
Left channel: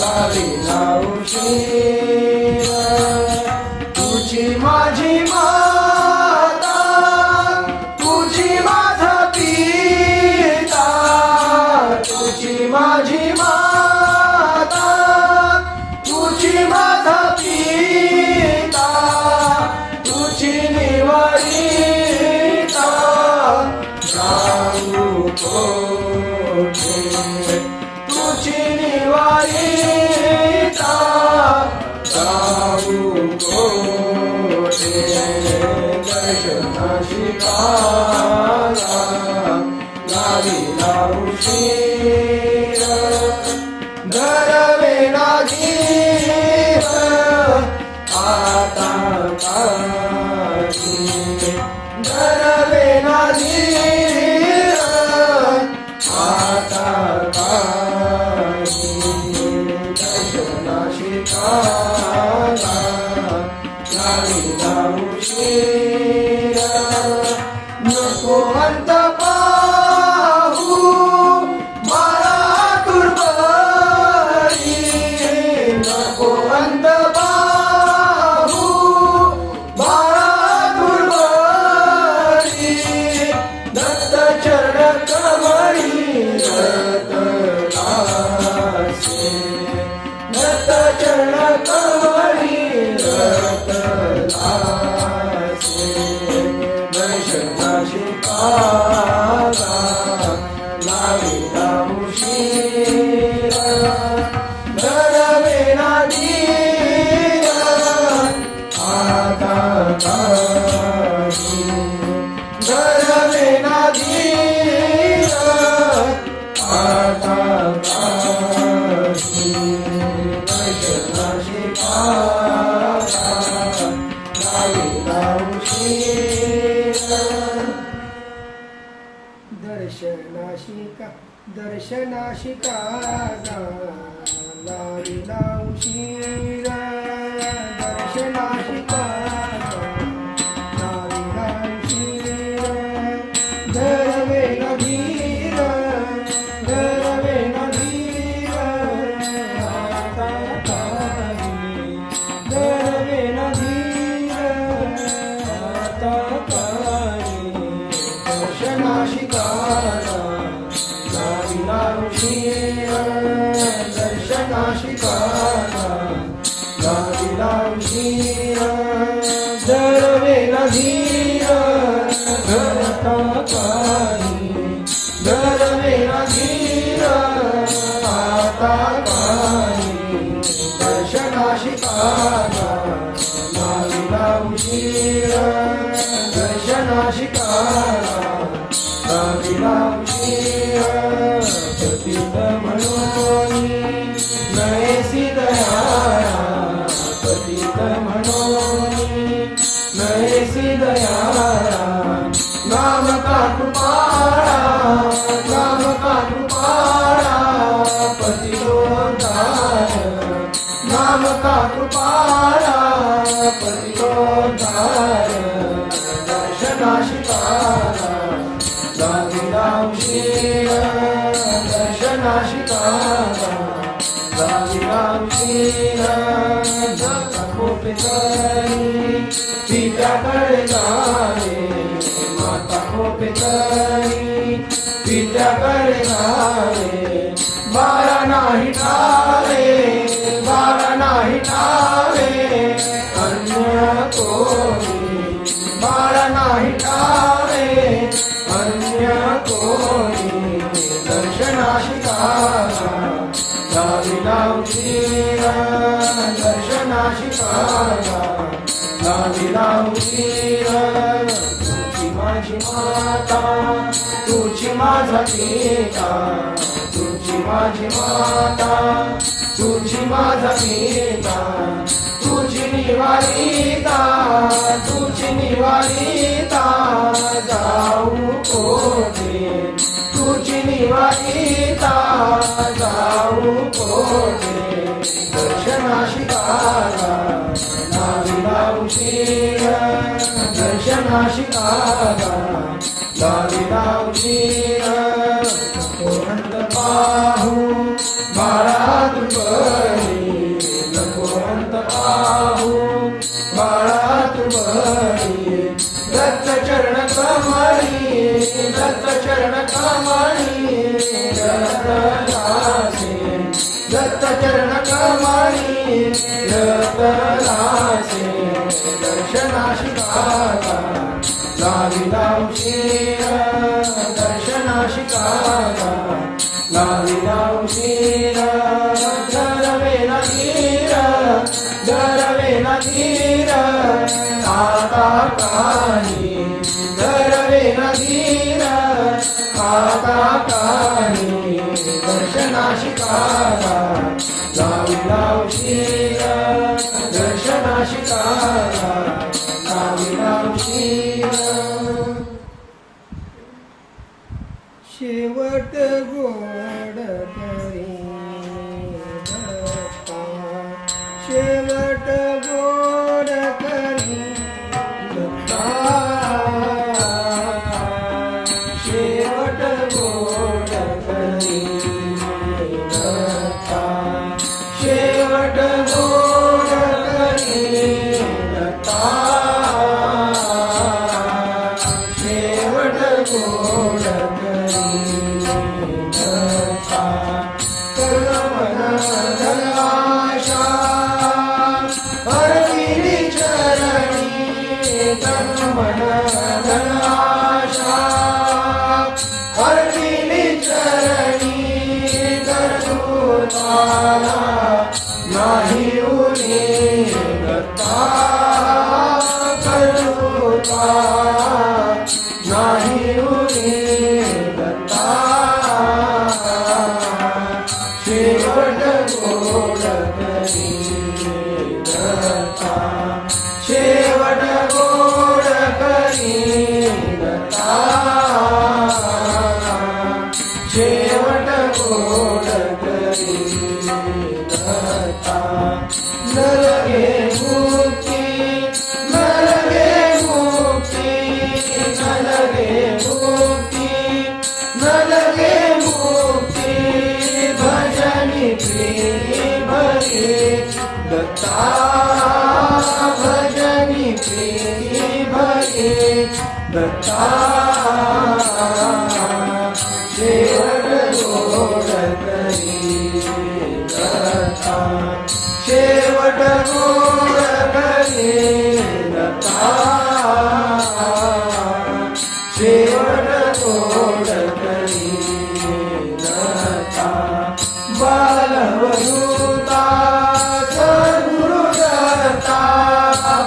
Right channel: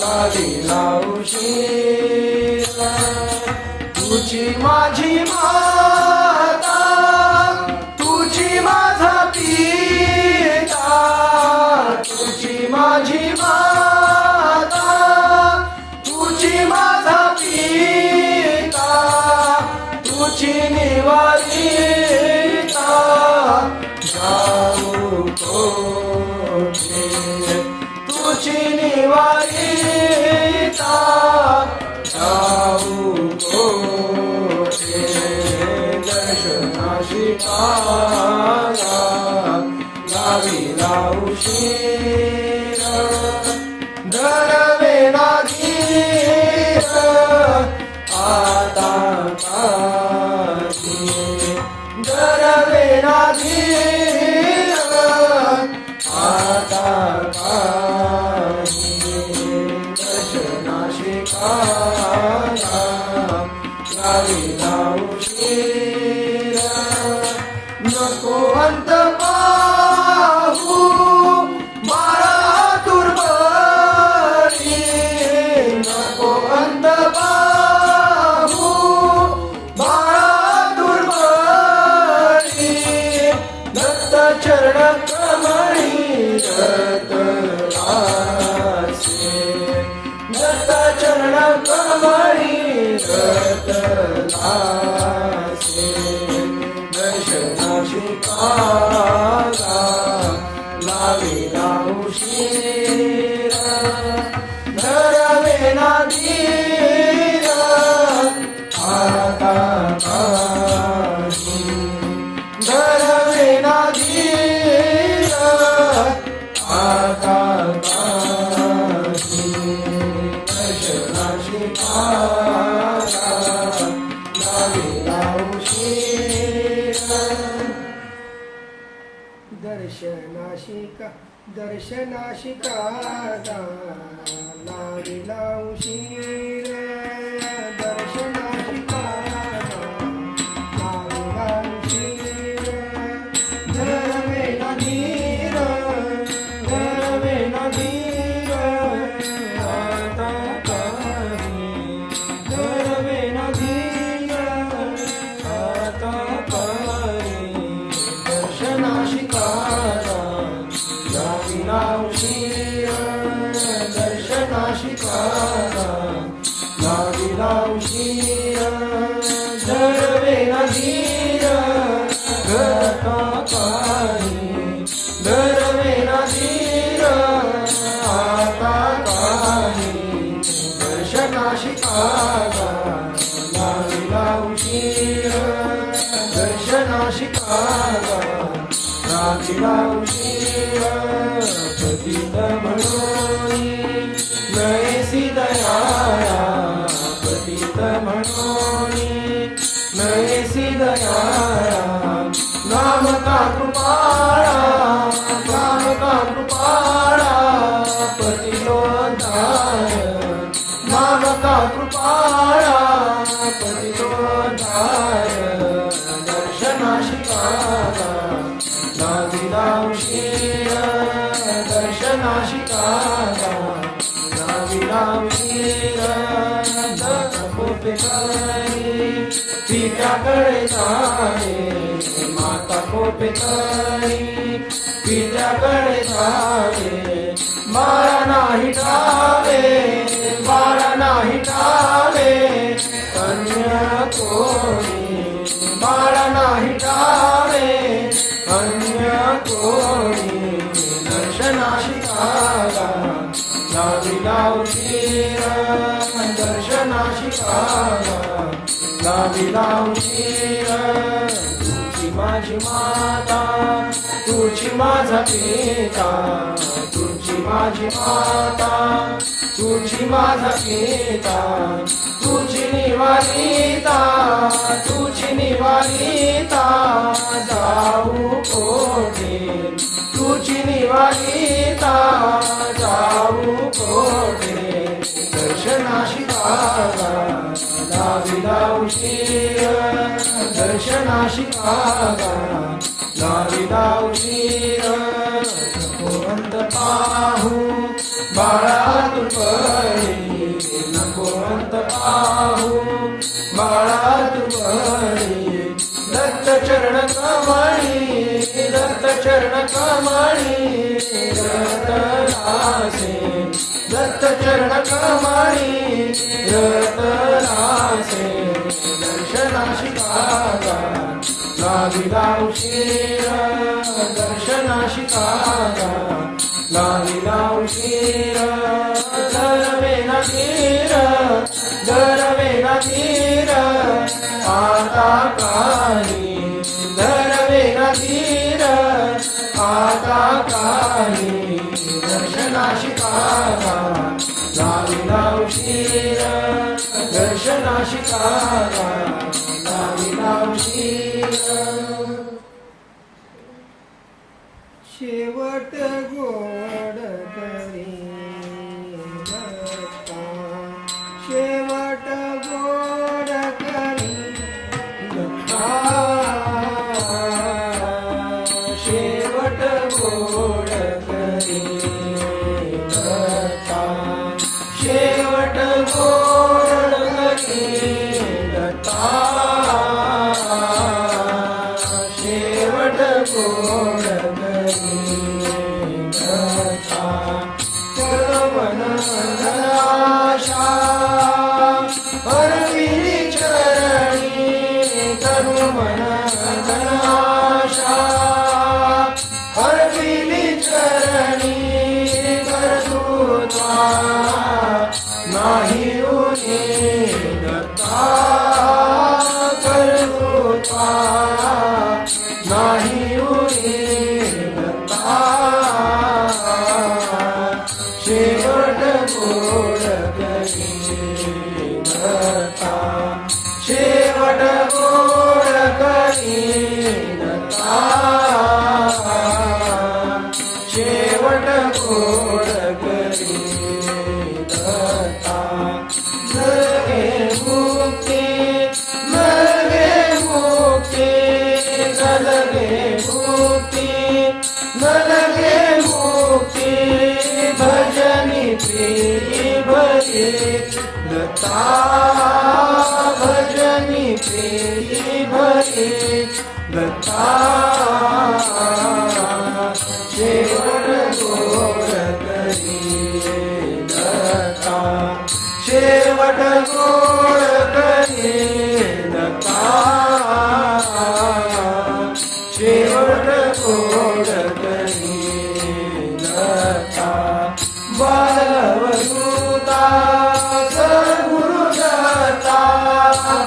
लाविला उशीर तुझी माझी माता तुझी माझा पिता तुझी माझी माता तुझी माझा पिता तुझी निवारिता जाऊ कोठे तुझी निवारिता जाऊ कोठे दर्शनाशी लाविला उशीर धरवेना धीर आता काशी धरवेना धीर आता काशी दर्शनाशी लाविला उशीर नको अंत पाहू बाळा तुर्बळी नको अंत पाहू बाळा तुर्बळी दत्त चरण कमळी रतलासे दत्त चरण कमळी रतलासे दर्शनाशी पाला लाविला उशीर धरवे ना धीर आता काही धरवे ना धीर आता काही दर्शनाशी पाला लाविला उशीर दर्शनाशिका दर्शनाशिका लाविला उशीर दर्शनाशिका लाविला उशीर धरवे न धीर धरवे न धीर आता काही धरवे न धीर आता काही दर्शनाशिका लाविला उशीर दर्शनाशिका लाविला उशीर धरवे न धीर आता काही धरवे न धीर आता काही दर्शनाशिका लाविला उशीर दर्शनाशिका लाविला उशीर पतित म्हणून नयसी दयाळा पतित म्हणून नयसी दयाळा नाम का कृपाळा नाम का कृपाळा पतिरोधाय नाम का कृपाळा पतिरोधाय दर्शनाशिका लाविला उशीर दर्शनाशिका लाविला उशीर माता कोपेतरी पित्याकडे जाणे माता कोपेतरी पित्याकडे जाणे बाळा नाही ठावे बाळा नाही ठावे अन्य कोणी बाळा नाही ठावे अन्य कोणी दर्शनाशिका लाविला उशीर दर्शनाशिका लाविला उशीर तुझी माझी माता तुझी माझा पिता तुझी माझी माता तुझी माझा पिता तुझी निवारिता तुझी निवारिता जाऊ कोठे तुझी निवारिता जाऊ कोठे दर्शनाशिका लाविला उशीर दर्शनाशिका लाविला उशीर नको अंत पाहू बाळा तुर्बळी नको अंत पाहू बाळा तुर्बळी दत्त चरण कमळी दत्त चरण कमळी रतलासे दत्त चरण कमळी रतलासे दर्शनाशिका लाविला उशीर दर्शनाशिका लाविला उशीर धरवे न धीर धरवे न धीर आता काही धरवे न धीर आता काही दर्शनाशिका लाविला उशीर दर्शनाशिका लाविला उशीर कृपा नाही उरीवता शेवट गोड करीवता शेवट गोड करीवता शेवट गोड करीवता नरके मुक्ती नरके मुक्ती नरके मुक्ती नरके मुक्ती भजनी प्रिय भजे लता भजनी प्रिय भजे लता शेवट गोड करीवता शेवट गोड करीवता शेवट गोड करीवता बालवदूता सद्गुरुदत्ता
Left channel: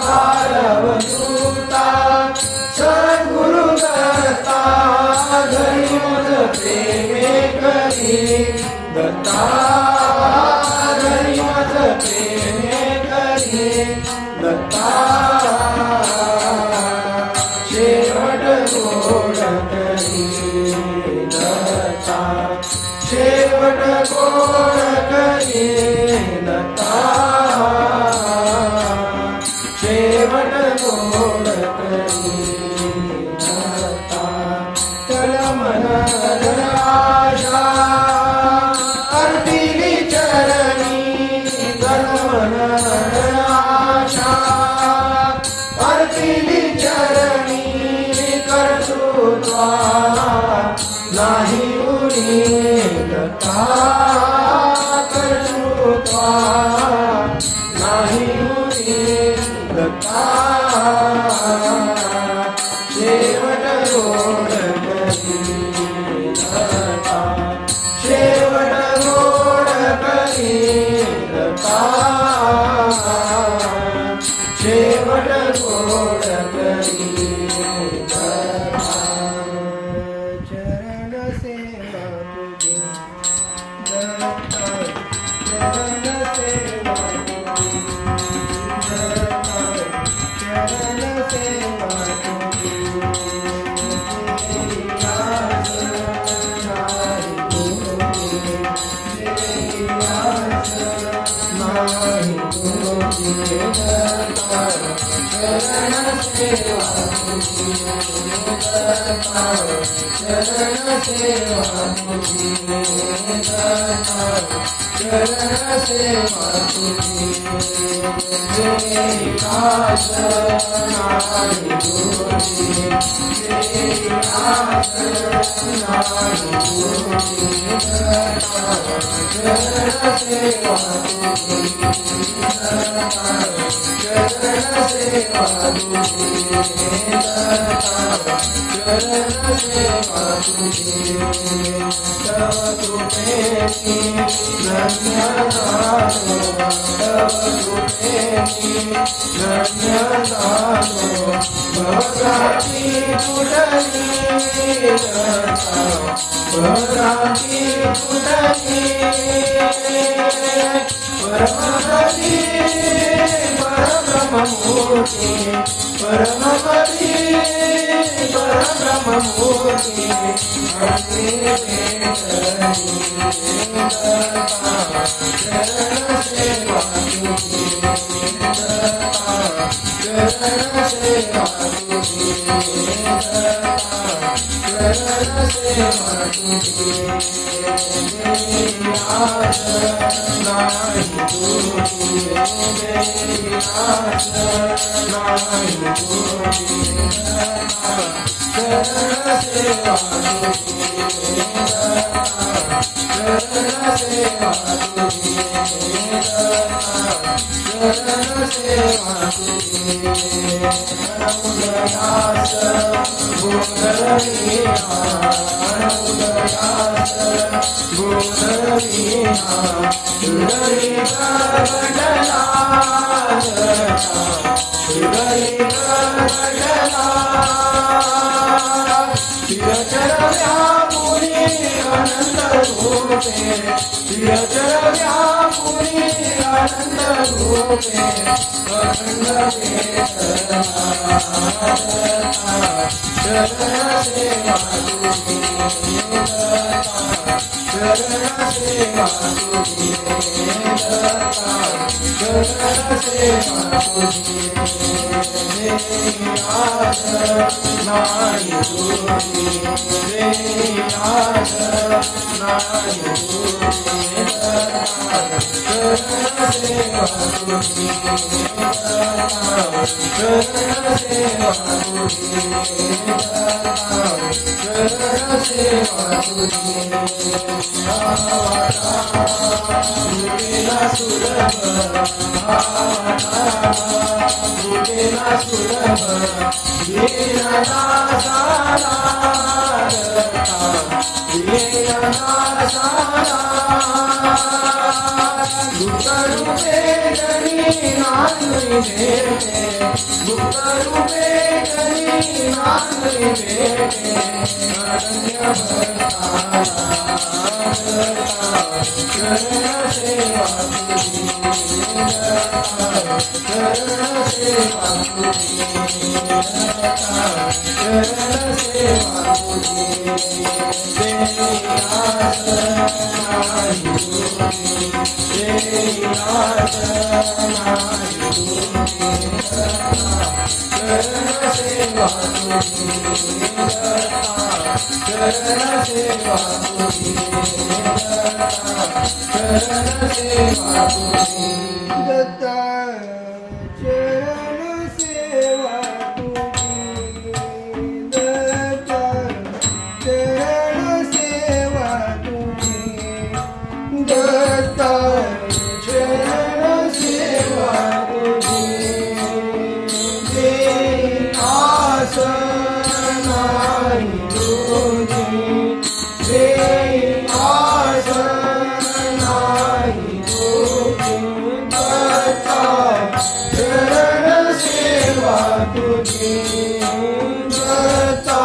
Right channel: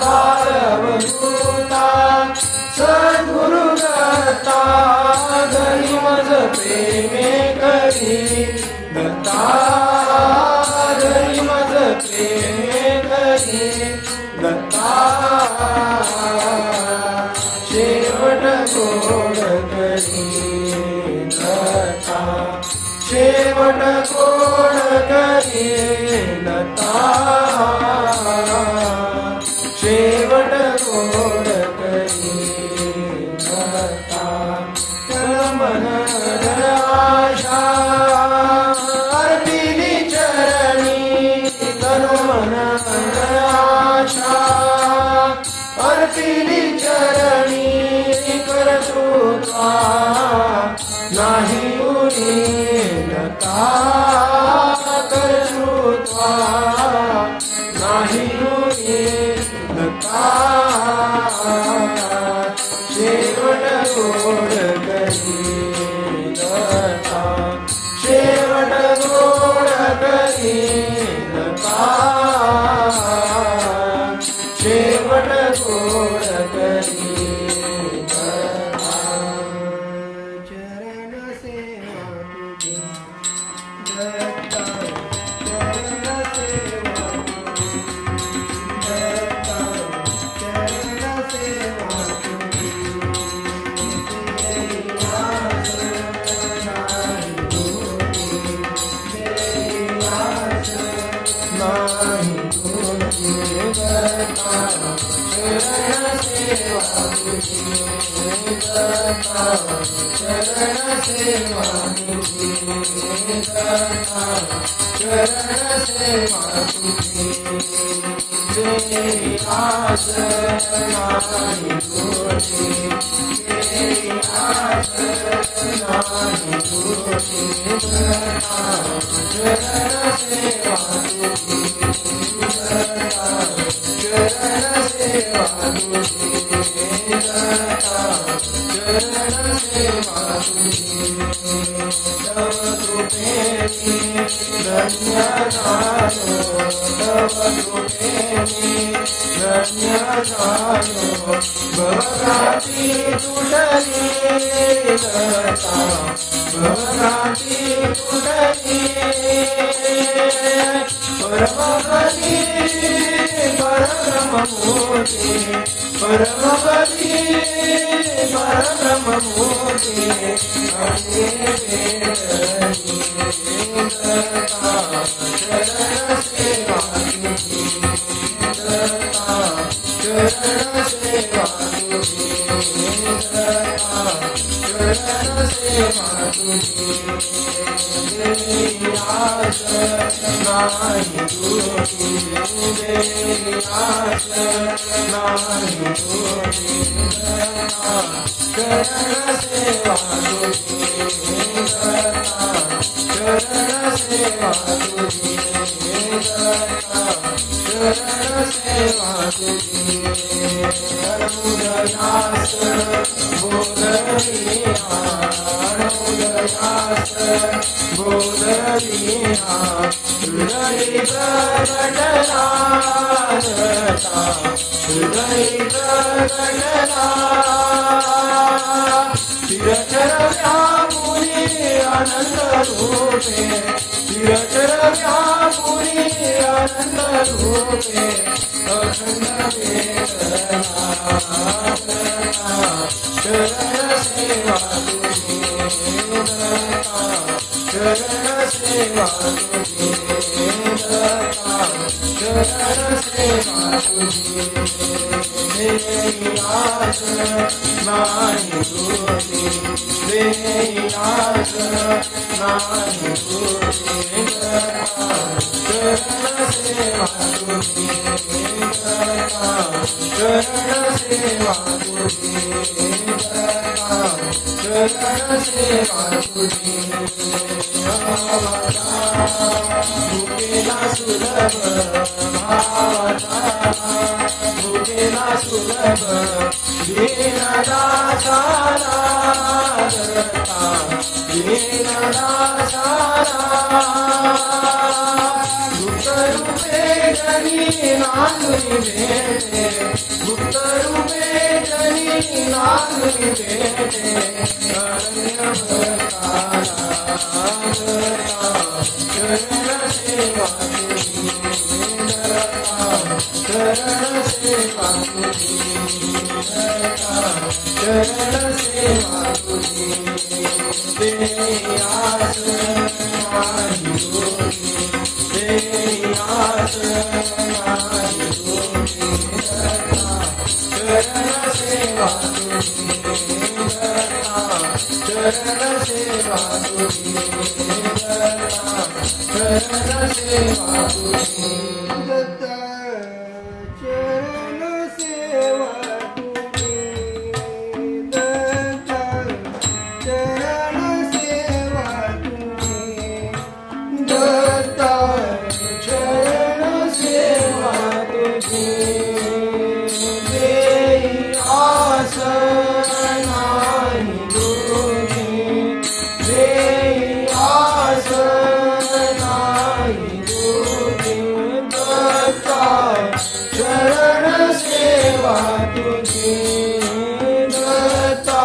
बालवदूता सद्गुरुदत्ता घरी मज प्रेमे करी दत्ता घरी मज प्रेमे करी दत्ता शेवट गोड करीवता शेवट गोड करीवता शेवट गोड करीवता तन मन तन आशा अर्पिली चरणी तन मन तन आशा अर्पिली चरणी कर्तृत्वा नाही उरीवता कर्तृत्वा नाही उरीवता शेवट गोड करीवता शेवट गोड करीवता शेवट गोड करीवता चरण सेवा तुझी दत्ता चरण सेवा तुझी दत्ता चरण सेवा तुझी देवास नाही तुझी देवास नाही तुझी दत्ता चरण सेवा तुझी दत्ता चरण सेवा तुझी दत्ता चरण सेवा तुझी देवास नाही तुझी देवास नाही तुझी दत्ता चरण सेवा तुझी दत्ता चरण सेवा तुझी दत्ता चरण सेवा तुझी तव कृपेची धन्य झालो तव कृपेची धन्य झालो भक्ताची पुढली दत्ता भक्ताची पुढली परमपदी परब्रह्ममूर्ती परमपदी परब्रह्ममूर्ती हरे वेदनी दत्ता चरण सेवा तुझी दत्ता चरण सेवा तुझी दत्ता चरण सेवा तुझी देवास नाही तुझी देवास नाही तुझी दत्ता चरण सेवा तुझी दत्ता चरण सेवा तुझी दत्ता चरण सेवा तुझी अनुग्रहास बोधलिहा अनुग्रहास बोधलिहा हृदय प्रकटला दत्ता हृदय प्रकटला व्यापुनी आनंद रूपे प्रियतर व्यापुनी आनंद रूपे अखंड वेदना चरण सेवा तुझी चरण सेवा तुझी चरण सेवा तुझी देवास नाही तुझी देवास नाही तुझी चरण सेवा तुझी चरण सेवा तुझी चरण सेवा तुझी भूतेला सुलभ भूतेला सुलभ दीनदासाला गुप्तरूपे जनी नांदी भेटे गुप्तरूपे जनी नांदी भेटे अनन्य चरण सेवा तुझी चरण सेवा तुझी चरण सेवा तुझी देयास नाही तुझी देयास नाही तुझी चरण सेवा तुझी चरण सेवा तुझी चरण सेवा तुझी दत्ता चरण सेवा तुझी दत्ता चरण सेवा तुझी दत्ता चरण सेवा तुझी देयास नाही तुझी देयास नाही तुझी दत्ता चरण सेवा तुझी दत्ता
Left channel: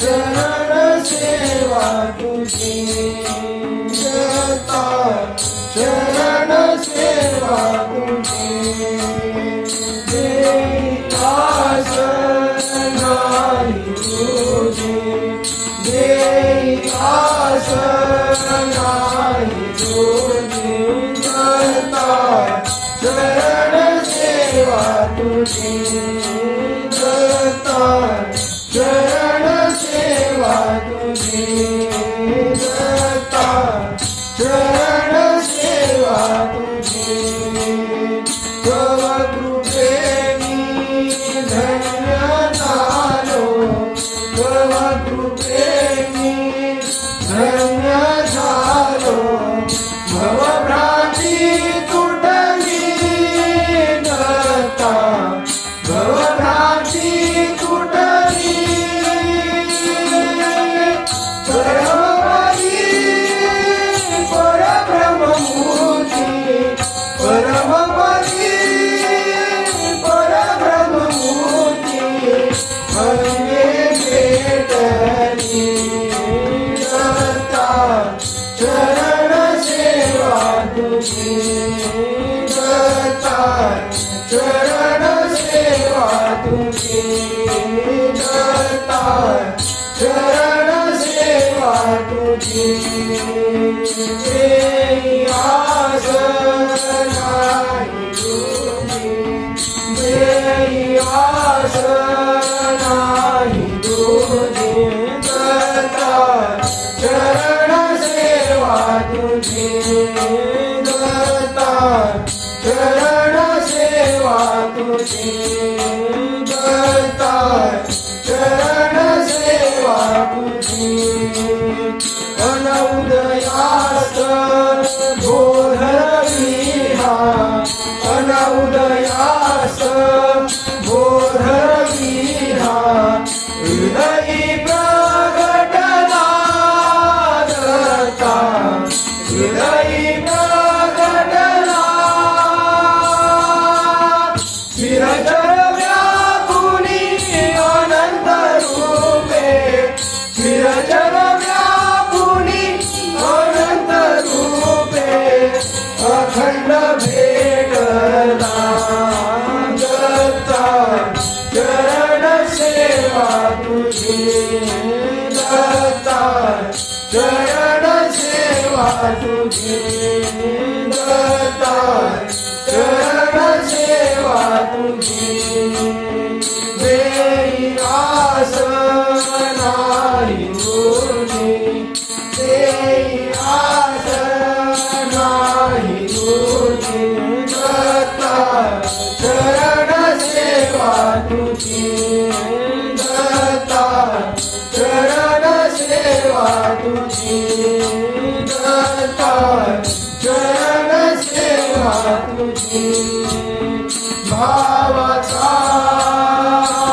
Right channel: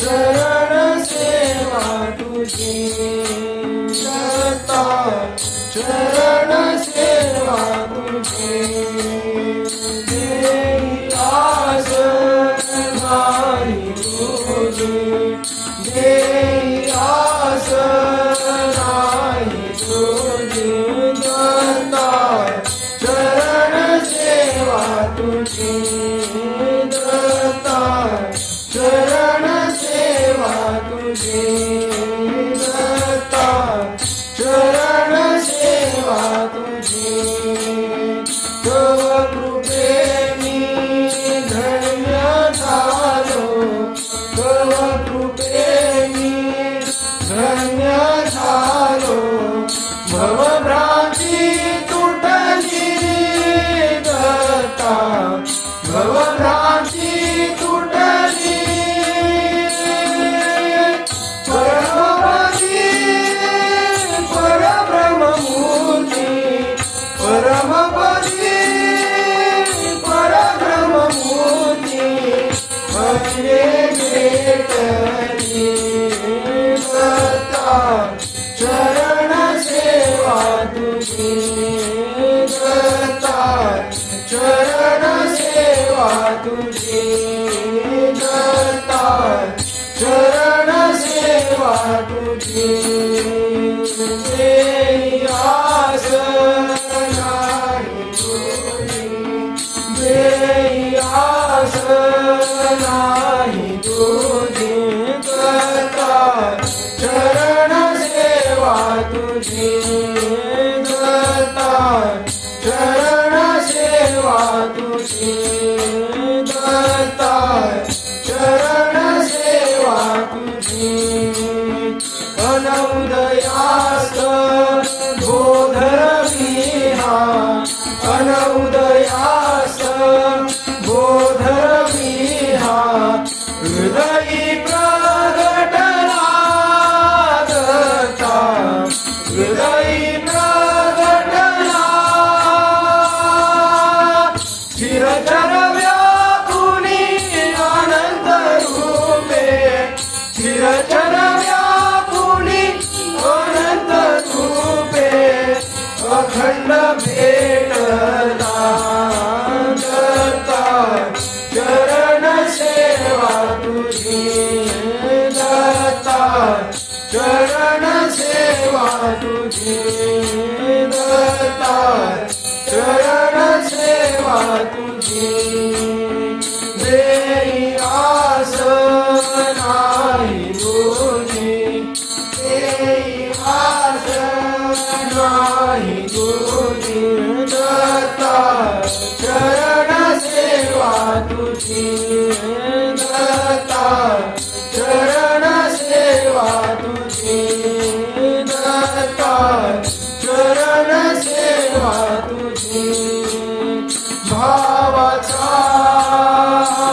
चरण सेवा तुझी दत्ता चरण सेवा तुझी देयास नाही तुझी देयास नाही तुझी दत्ता चरण सेवा तुझी दत्ता चरण सेवा तुझी दत्ता चरण सेवा तुझी तव कृपेनी धन्य झालो तव कृपेनी धन्य झालो भवभ्रांती तुटली दत्ता भवभ्रांती तुटली परमपदी परब्रह्ममूर्ती परमपदी परब्रह्ममूर्ती म्हणजे भेटली दत्ता चरण सेवा तुझी दत्ता चरण सेवा तुझी दत्ता चरण सेवा तुझी देयास नाही तुझी देयास नाही तुझी दत्ता चरण सेवा तुझी दत्ता चरण सेवा तुझी दत्ता चरण सेवा तुझी अनउदयास बोधविहा अनउदयास बोधविहा हृदयी प्रगटला दत्ता हृदयी प्रगटला चिरतर व्यापुनी आनंद रूपे चिर तुझी दत्ता चरण सेवा तुझी देई आस नाही तुझी देई आस नाही तुझी दत्ता चरण सेवा तुझी दत्ता चरण सेवा तुझी दत्ता चरण सेवा तुझी भावाचा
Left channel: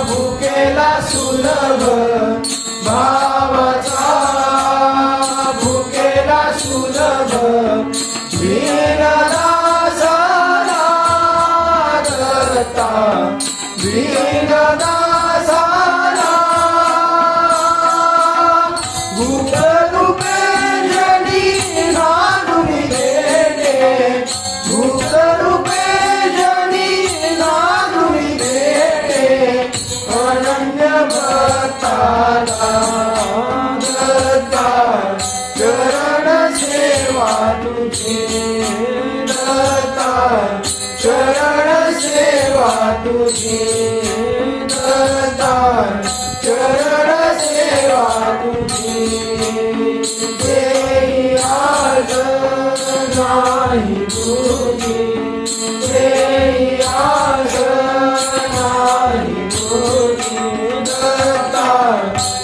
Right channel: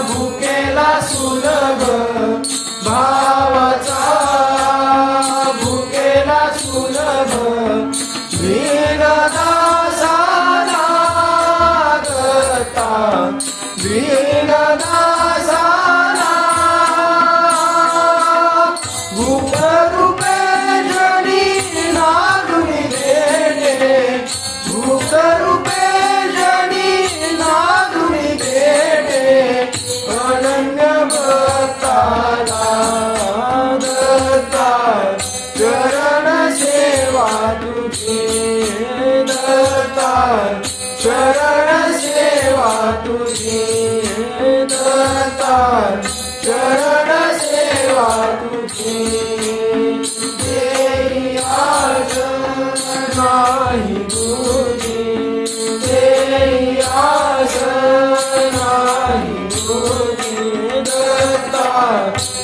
भुकेला सुलभ भावाचा भुकेला सुलभ वीरदासाला दत्ता वीरदासाला भूक रूपे जनी नांदून घेणे भूक रूपे जनी नांदून घेणे अनन्य भक्ताला दत्ता चरण सेवा तुझी दत्ता चरण सेवा तुझी दत्ता चरण सेवा तुझी देई आज नाही तुझी देई आज नाही तुझी दत्ता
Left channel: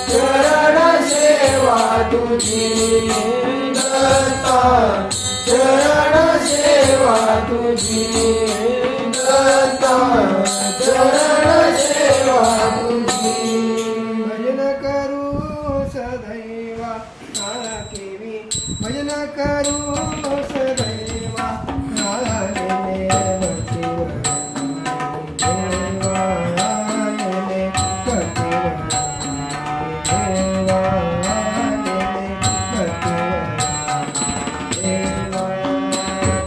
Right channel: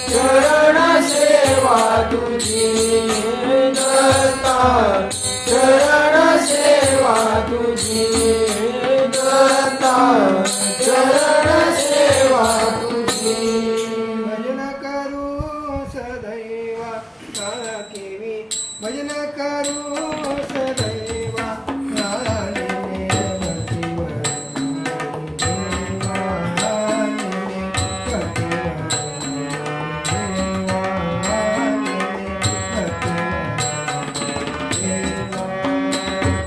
चरण सेवा तुझी दत्ता चरण सेवा तुझी दत्ता चरण सेवा तुझी भजन करू सदैवा केवी भजन करू सदैवा नारायणे भक्तिवर देवा नारायणे भक्तिवर देवा नारायणे भक्तिवर देवा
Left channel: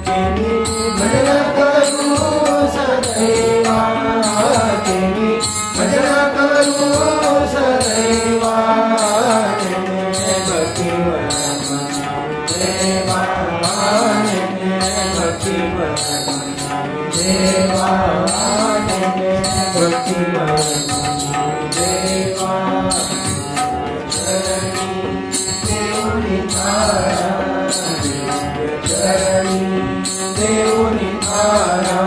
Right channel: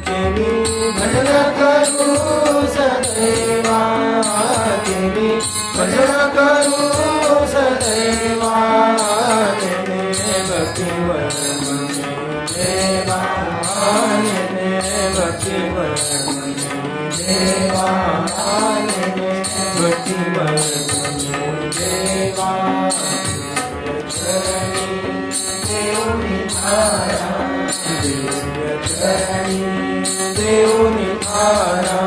केली भजन करू सदैवा केली भजन करू सदैवा केली भक्तिवर देवा केली भक्तिवर देवा केली भक्तिवर देवा चरणी देऊनी थारा चरणी देऊनी थारा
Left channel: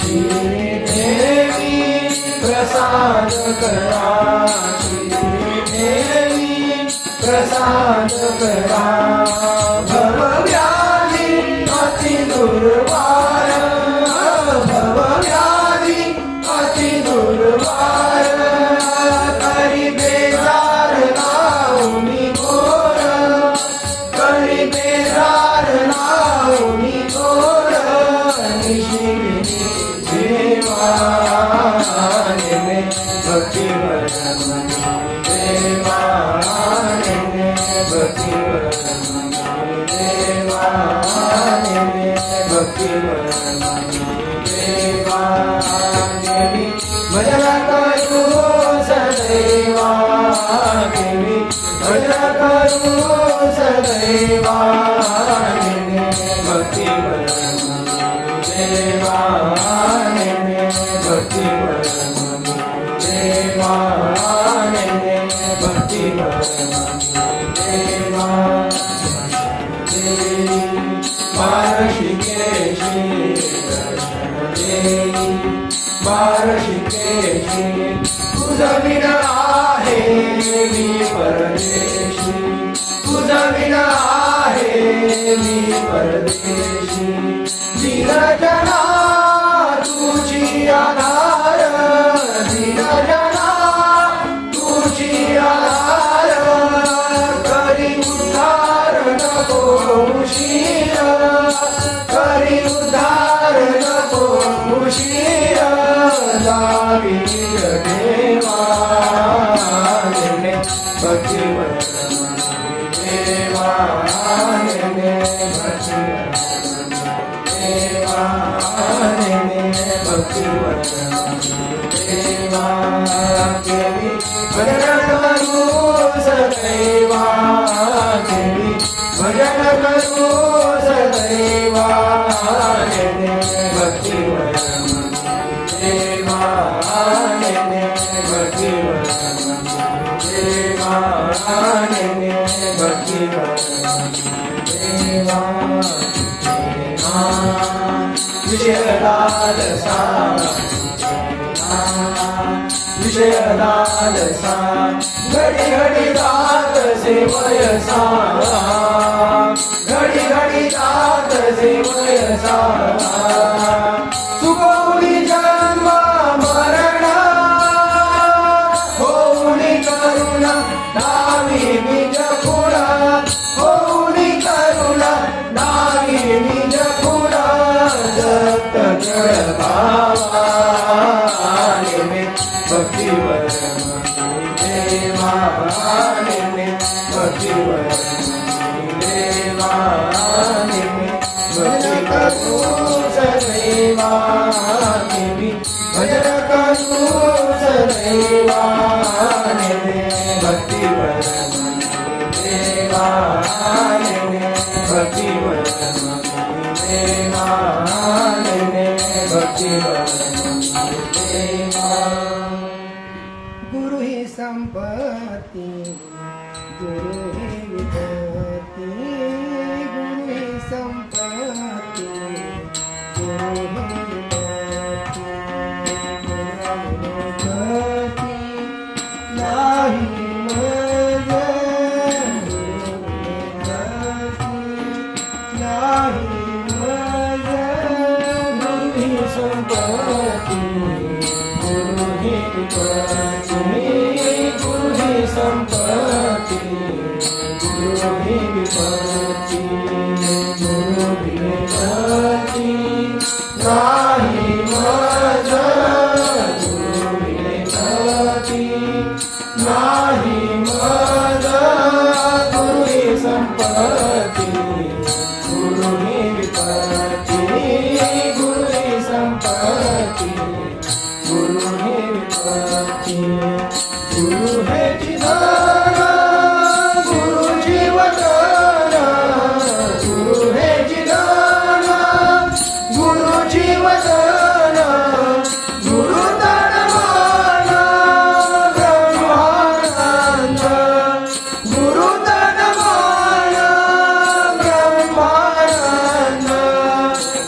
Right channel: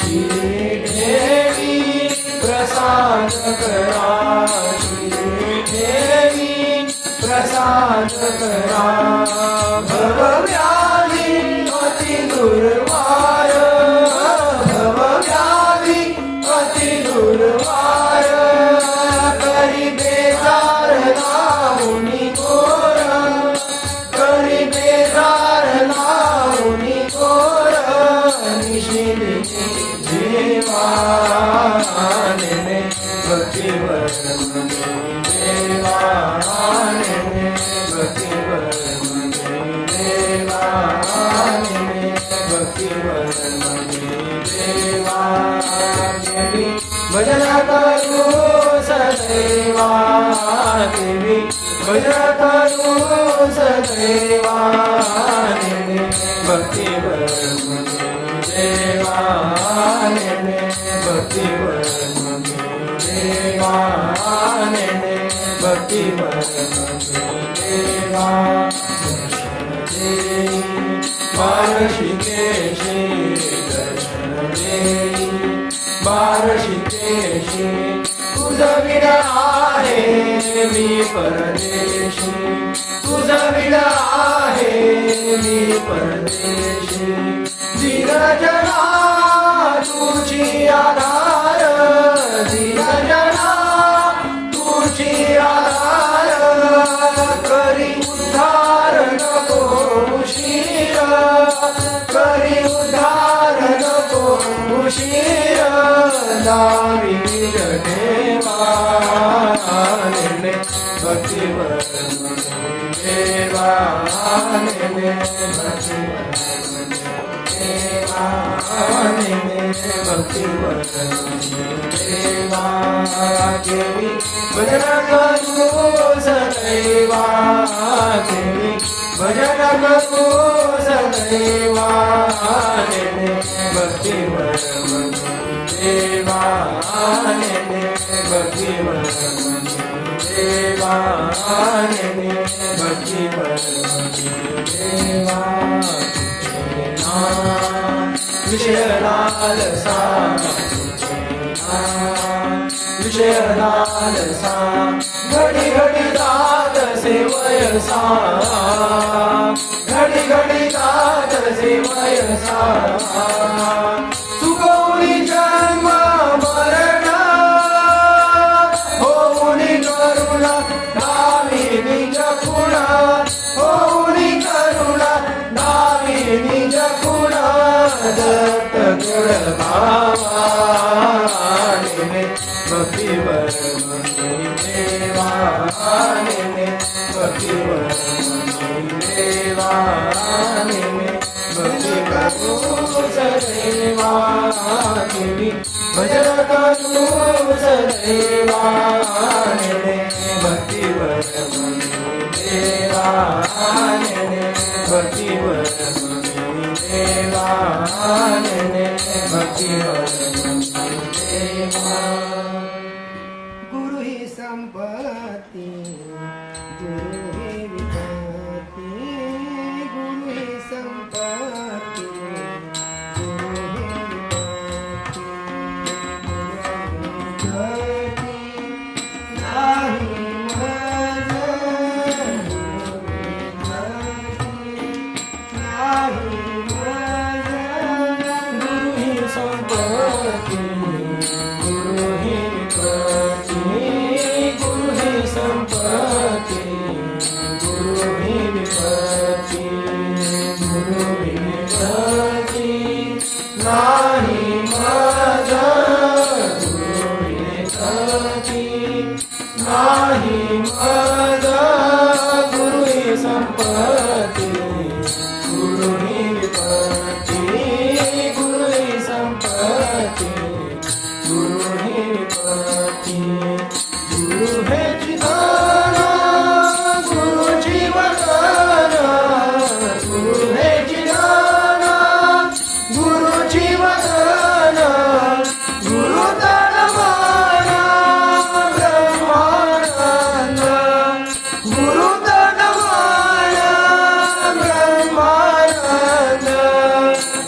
श्री देवी प्रसाद करा श्री देवी प्रसाद करा भवव्याधी अति दुर्वार भवव्याधी अति दुर्वार करी बेजार लावणी घोर करी बेजार लावणी घोर निशिनी देवाने में भक्तिवर देवाने में भक्तिवर देवाने में भक्तिवर देवाने भजन करू सदैवा केवी भजन करू सदैवा भक्तिवर देवाने भक्तिवर देवाने भक्तिवर देवा बारशिकेशी दर्शन देई बारशिकेशी तुझं विना आहे मी परदेशी तुझं विना आहे मी परदेशी दीनजना तुझी आधार दीनजना तुझी आधार करी उद्धार नको उशीर करी उद्धार नको उशीर दावी देवाने भक्तिवर देवाने भक्तिवर देवाने भक्तिवर देवा केवी भजन करू सदैवा केवी भजन करू देवा नेने भक्तिवर देवा नेने भक्तिवर देवा नेने भक्तिवर देवा विषयनालसा विषयनालसा घडी घडी जात सेवयसा घडी घडी जात सेवयसा सुगोनी जन्म मरण होऊनी करुणा नावी निज खुणा होऊनी करुणा नावी निज खुणा दत्त भावा भक्तिवर देवा नेने भक्तिवर देवा नेने भजन करू सदैवा देवी भजन करू सदैवा नेने भक्तिवर देवा नेने भक्तिवर देवा नेने भक्तिवर देवा गुरु ही संपत्ति गुरु ही विपत्ति गुरु ही संपत्ति गुरु ही विपत्ति गती नाही मज नाही मज गुरु ही संपत्ति गुरु ही विपत्ति गुरु ही संपत्ति गुरु ही विपत्ति गुरु ही विपत्ति नाही माझा गुरु विपत्ति नाही माझा गुरु ही संपत्ति गुरु ही विपत्ति गुरु ही संपत्ति गुरु ही विपत्ति गुरु है जिधाना गुरु जीवदाना गुरु है जिधाना गुरु जीवदाना गुरु तनमाना ब्रह्मानंद गुरु तनमाना ब्रह्मानंद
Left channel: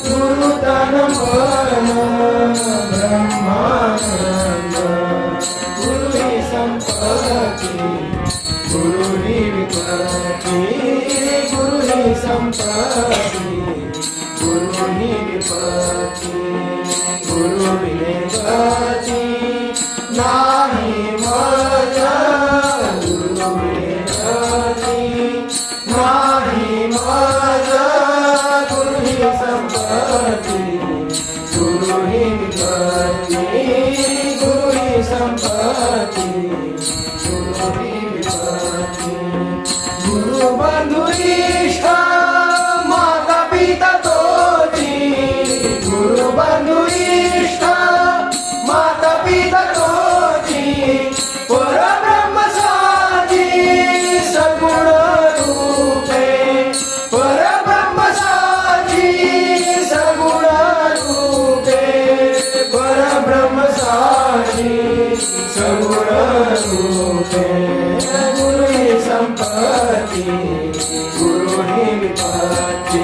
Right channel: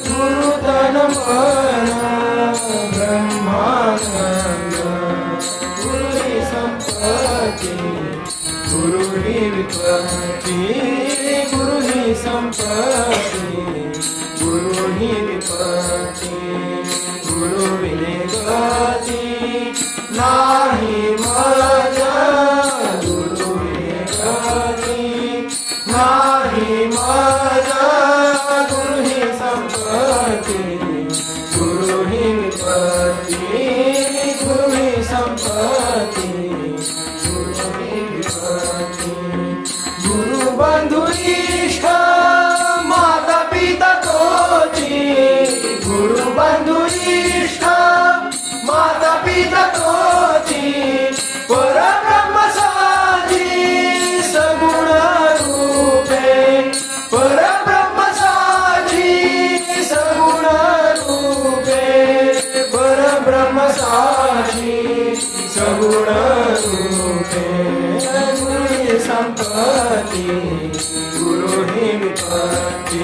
गुरु तनमाना ब्रह्मानंद गुरु ही संपत्ति गुरु ही विपत्ति गुरु ही संपत्ति गुरु ही विपत्ति गुरु विवेकति नाही माझा गुरु विवेकति नाही माझा गुरु ही संपत्ति गुरु ही विपत्ति गुरु ही संपत्ति गुरु ही विपत्ति गुरु बंधु ईशा माता पिता तोची गुरु बंधु ईशा माता पिता तोची परब्रह्म साची सगुण रूपे परब्रह्म साची सगुण रूपे परब्रह्म साची सगुण रूपे गुरु ही संपत्ति गुरु ही विपत्ति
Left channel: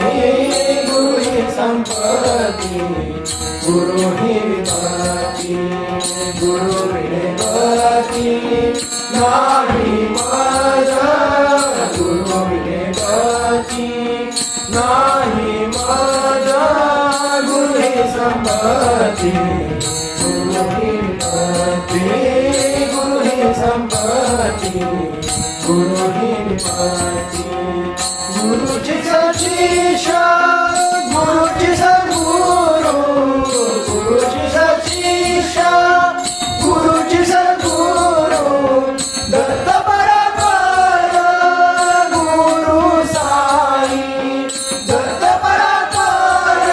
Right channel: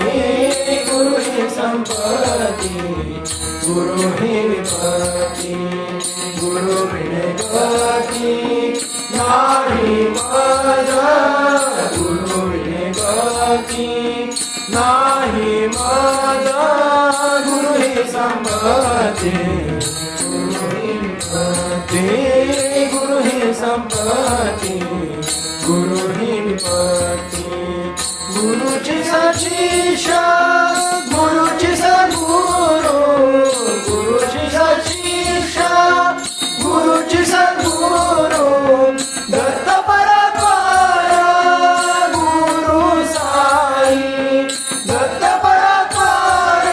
गुरु ही संपत्ति गुरु ही विपत्ति गुरु विवेकति नाही माझा गुरु विवेकति नाही माझा गुरु ही संपत्ति गुरु ही विपत्ति गुरु ही संपत्ति गुरु ही विपत्ति गुरुची सचिशा गुरुची सद्गुरु गुरुची सचिशा गुरुची सद्गुरु दत्त परात्पर गुरु साई दत्त परात्पर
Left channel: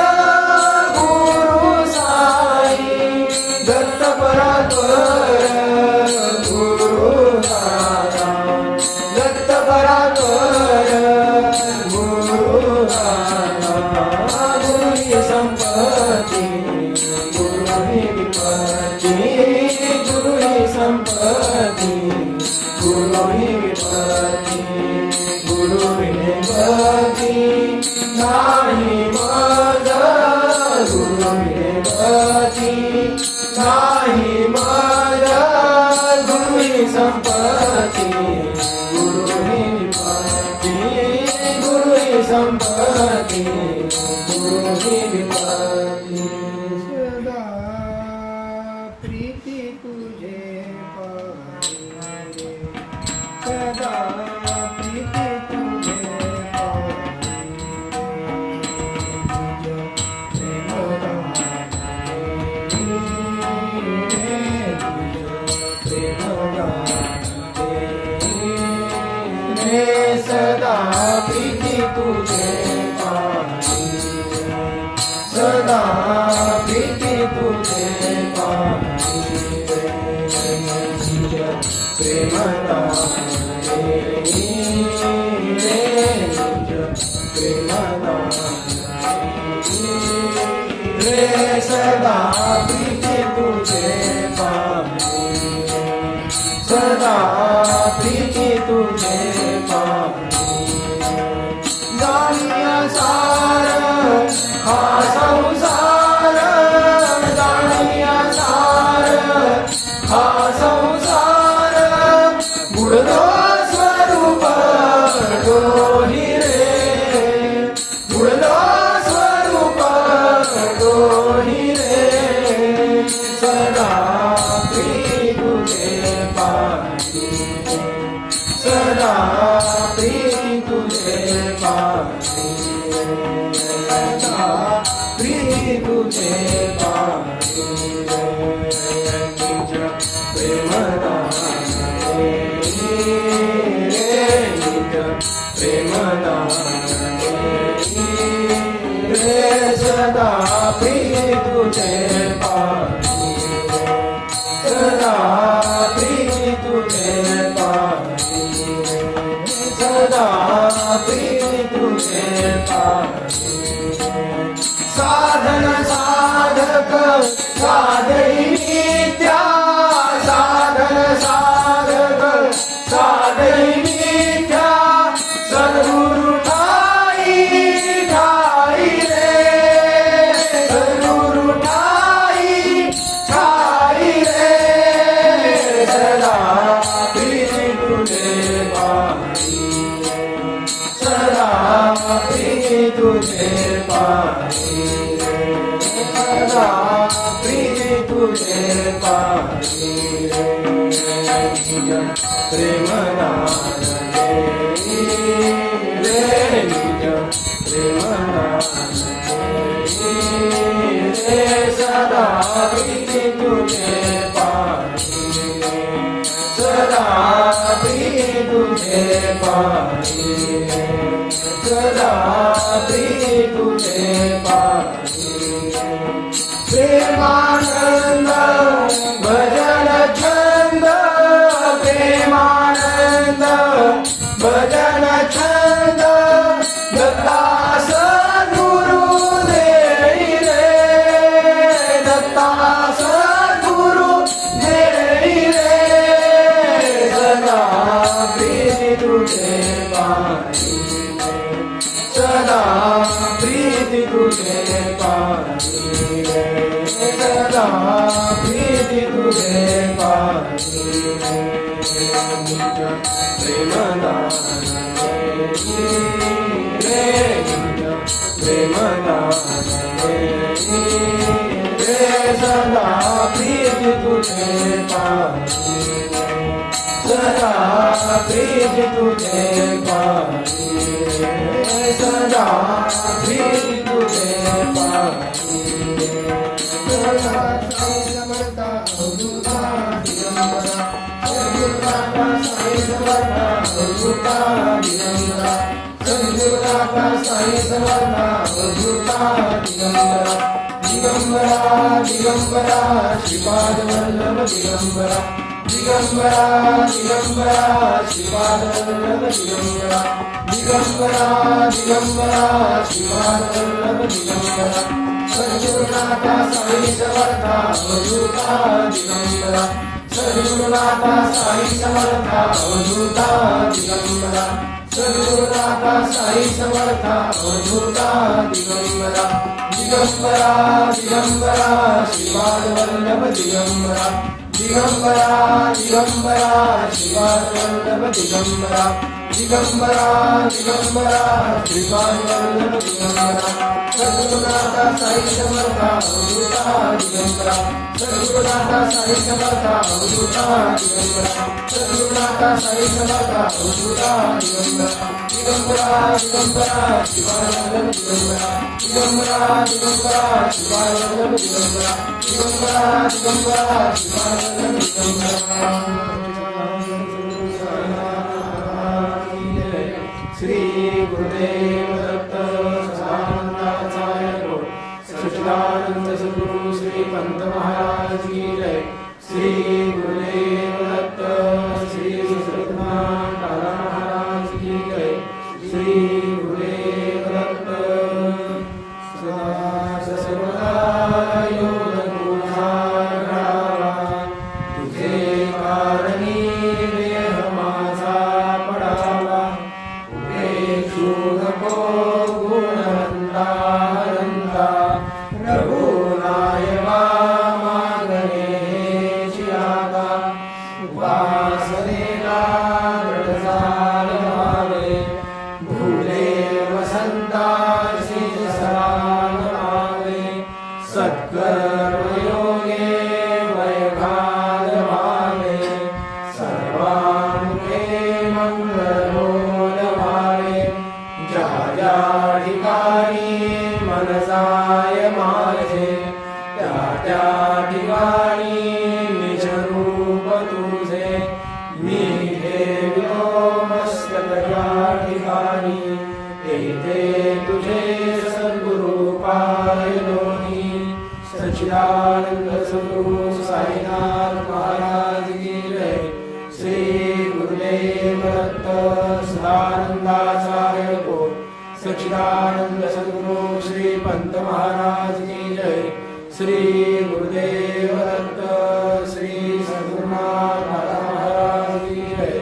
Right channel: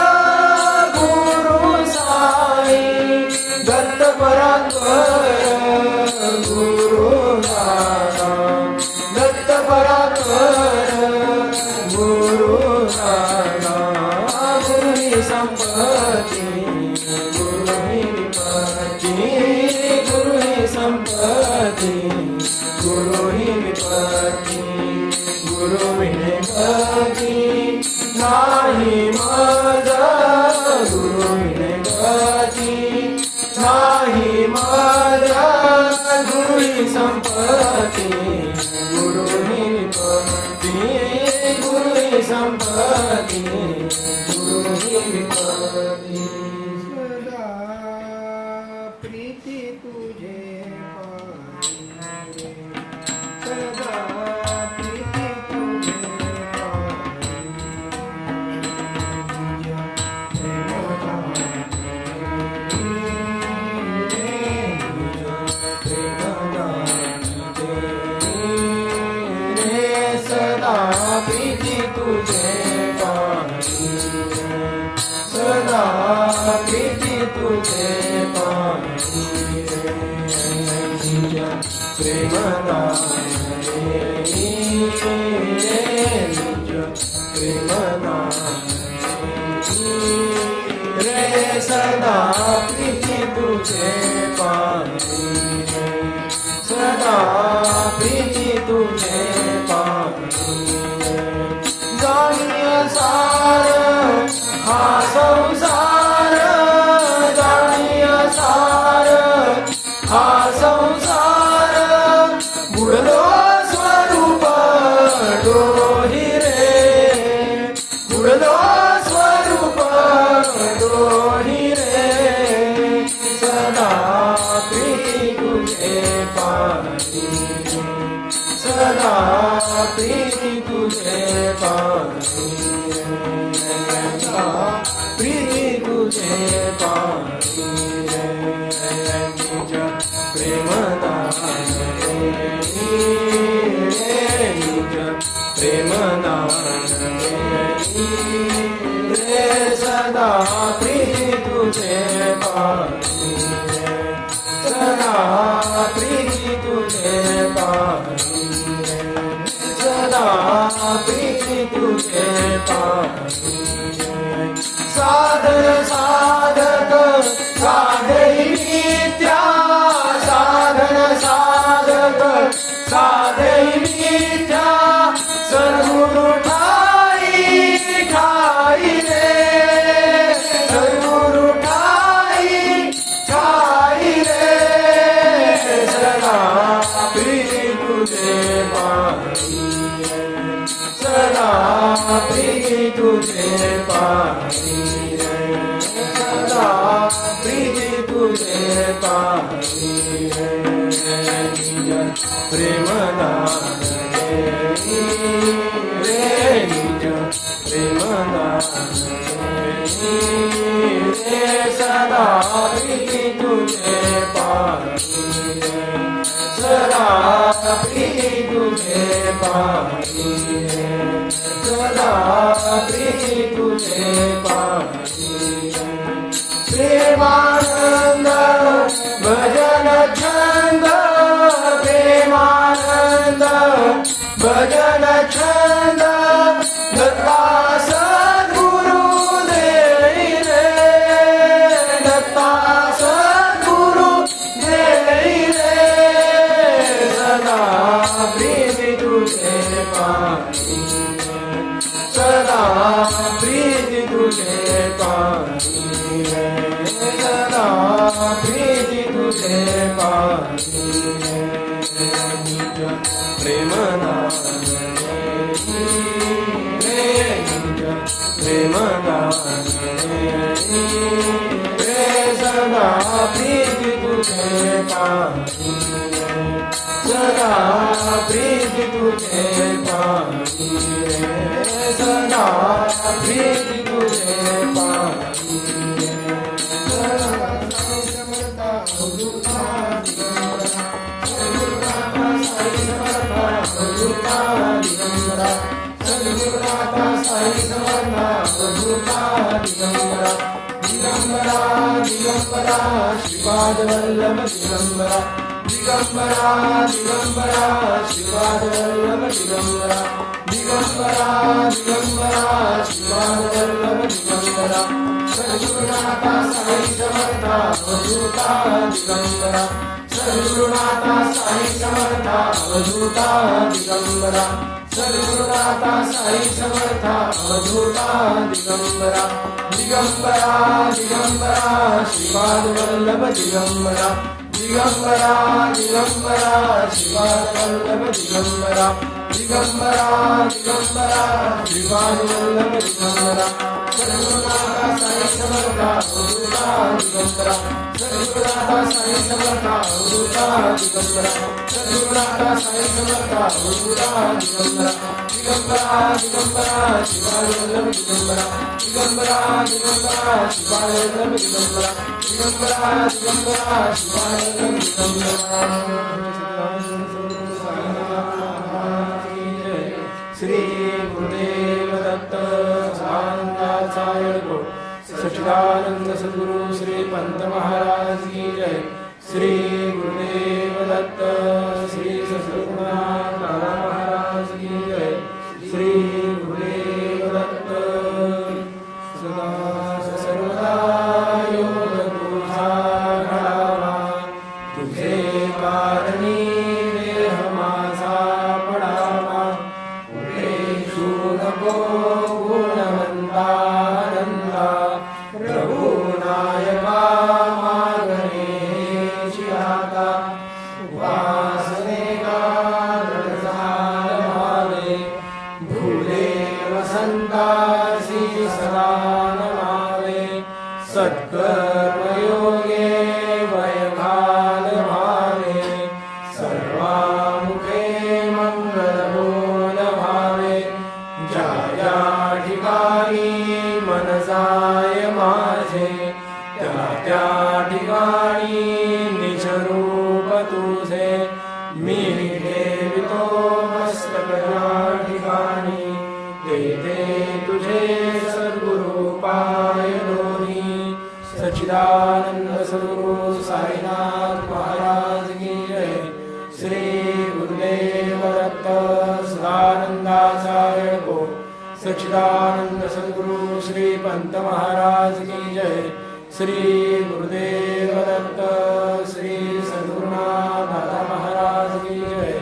गुरु साई दत्त परात्पर संपत्ती गुरु ही विपत्ती गुरु विने गती नाही माझा गुरु विने गती नाही माझा गुरु ही संपत्ती गुरु ही विपत्ती गुरु ही संपत्ती गुरु ही विपत्ती सदा प्रीती तुझे पाहिजे सदा प्रीती तुझे सदा प्रीती तुझे पाहिजे सदा प्रीती तुझे पाहिजे रे सदा प्रीती तुझे पाहिजे सदा प्रीती तुझे जाणीया सार हा संसार जाणीया सार हा संसार बुडलो स्वरूप डोही रे बुडलो स्वरूप डोही रे सदा प्रीती तुझे पाहिजे सदा प्रीती तुझे पाहिजे सदा प्रीती तुझे पाहिजे तुझ प्रेमदान रे निज प्रेमदान रे सदा प्रीती तुझे पाहिजे सदा प्रीती तुझे पाहिजे सदा प्रीती तुझे पाहिजे साधन साधक साधई नित्या साधन साधक साधई नित्या सद्गुरु ठाई ठाई रे सद्गुरु ठाई ठाई रे सदा प्रीती तुझे पाहिजे सदा प्रीती तुझे पाहिजे सदा प्रीती तुझे पाहिजे प्रेमदान रे निज प्रेमदान रे सदा प्रीती तुझे पाहिजे सदा प्रीती तुझे पाहिजे सदा प्रीती तुझे पाहिजे प्रेमानंद भजन छंद प्रेमानंद भजन छंद दत्ता सद्गुरु देई रे दत्ता सद्गुरु देई रे सदा प्रीती तुझे पाहिजे सदा प्रीती तुझे पाहिजे सदा प्रीती तुझे पाहिजे प्रेमदान रे निज प्रेमदान रे सदा प्रीती तुझे पाहिजे सदा प्रीती तुझे पाहिजे सदा प्रीती तुझे पाहिजे दिगंबरा श्रीपाद वल्लभ दिगंबरा दिगंबरा दिगंबरा श्रीपाद वल्लभ दिगंबरा दिगंबरा दिगंबरा श्रीपाद वल्लभ दिगंबरा सद्गुरुनाथ साई समर्थ अवधूता दिगंबरा सद्गुरुनाथा साई समर्था अवधूता दिगंबरा सद्गुरुनाथा साई समर्था अवधूता दिगंबरा दिगंबरा दिगंबरा श्रीपाद वल्लभ दिगंबरा दिगंबरा दिगंबरा श्रीपाद वल्लभ दिगंबरा दिगंबरा दिगंबरा श्रीपाद वल्लभ दिगंबरा सद्गुरुनाथा साई समर्था अवधूता दिगंबरा सद्गुरुनाथा साई समर्था अवधूता दिगंबरा सद्गुरुनाथा साई समर्था अवधूता दिगंबरा दिगंबरा दिगंबरा श्रीपाद वल्लभ दिगंबरा दिगंबरा दिगंबरा श्रीपाद वल्लभ दिगंबरा दिगंबरा दिगंबरा श्रीपाद वल्लभ दिगंबरा श्री गुरुदेव दत्त सदानंदाचार्य सच्चिदानंद सद्गुरु श्री पंत महाराज की जय श्री गुरुदेव दत्त श्री सद्गुरुनाथ महाराज की जय श्री गुरुदेव दत्त सदा सर्वदा योग तुझा घडावा तुझे कारणी देह माझा पडावा नको गुणवंतानंदा रघुनायका मागणेची आता उपासनेला व्रतजाल व्हावे भूले वसंतासी समान व्हावे सत्कर्मयोगे वैभाग व्हावे सर्वामुखे मंगलमोल व्हावे ज्या ज्या ठिकाणी मन जाय माझे त्या त्या ठिकाणी निजरूप तुझे मी ठेवितो मस्तक त्या ठिकाणी ते तुझे सद्गुरु पाय दोन्ही सच्चिदानंद स्वरूप साईनाथ महाराज की जय श्री गुरुदेव दत्त सदानंदाचार्य सच्चिदानंद सद्गुरु श्री पंत महाराज की जय श्री गुरुदेव दत्त श्री सद्गुरुनाथ महाराज की जय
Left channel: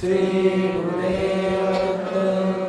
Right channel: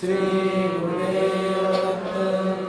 श्री गुरु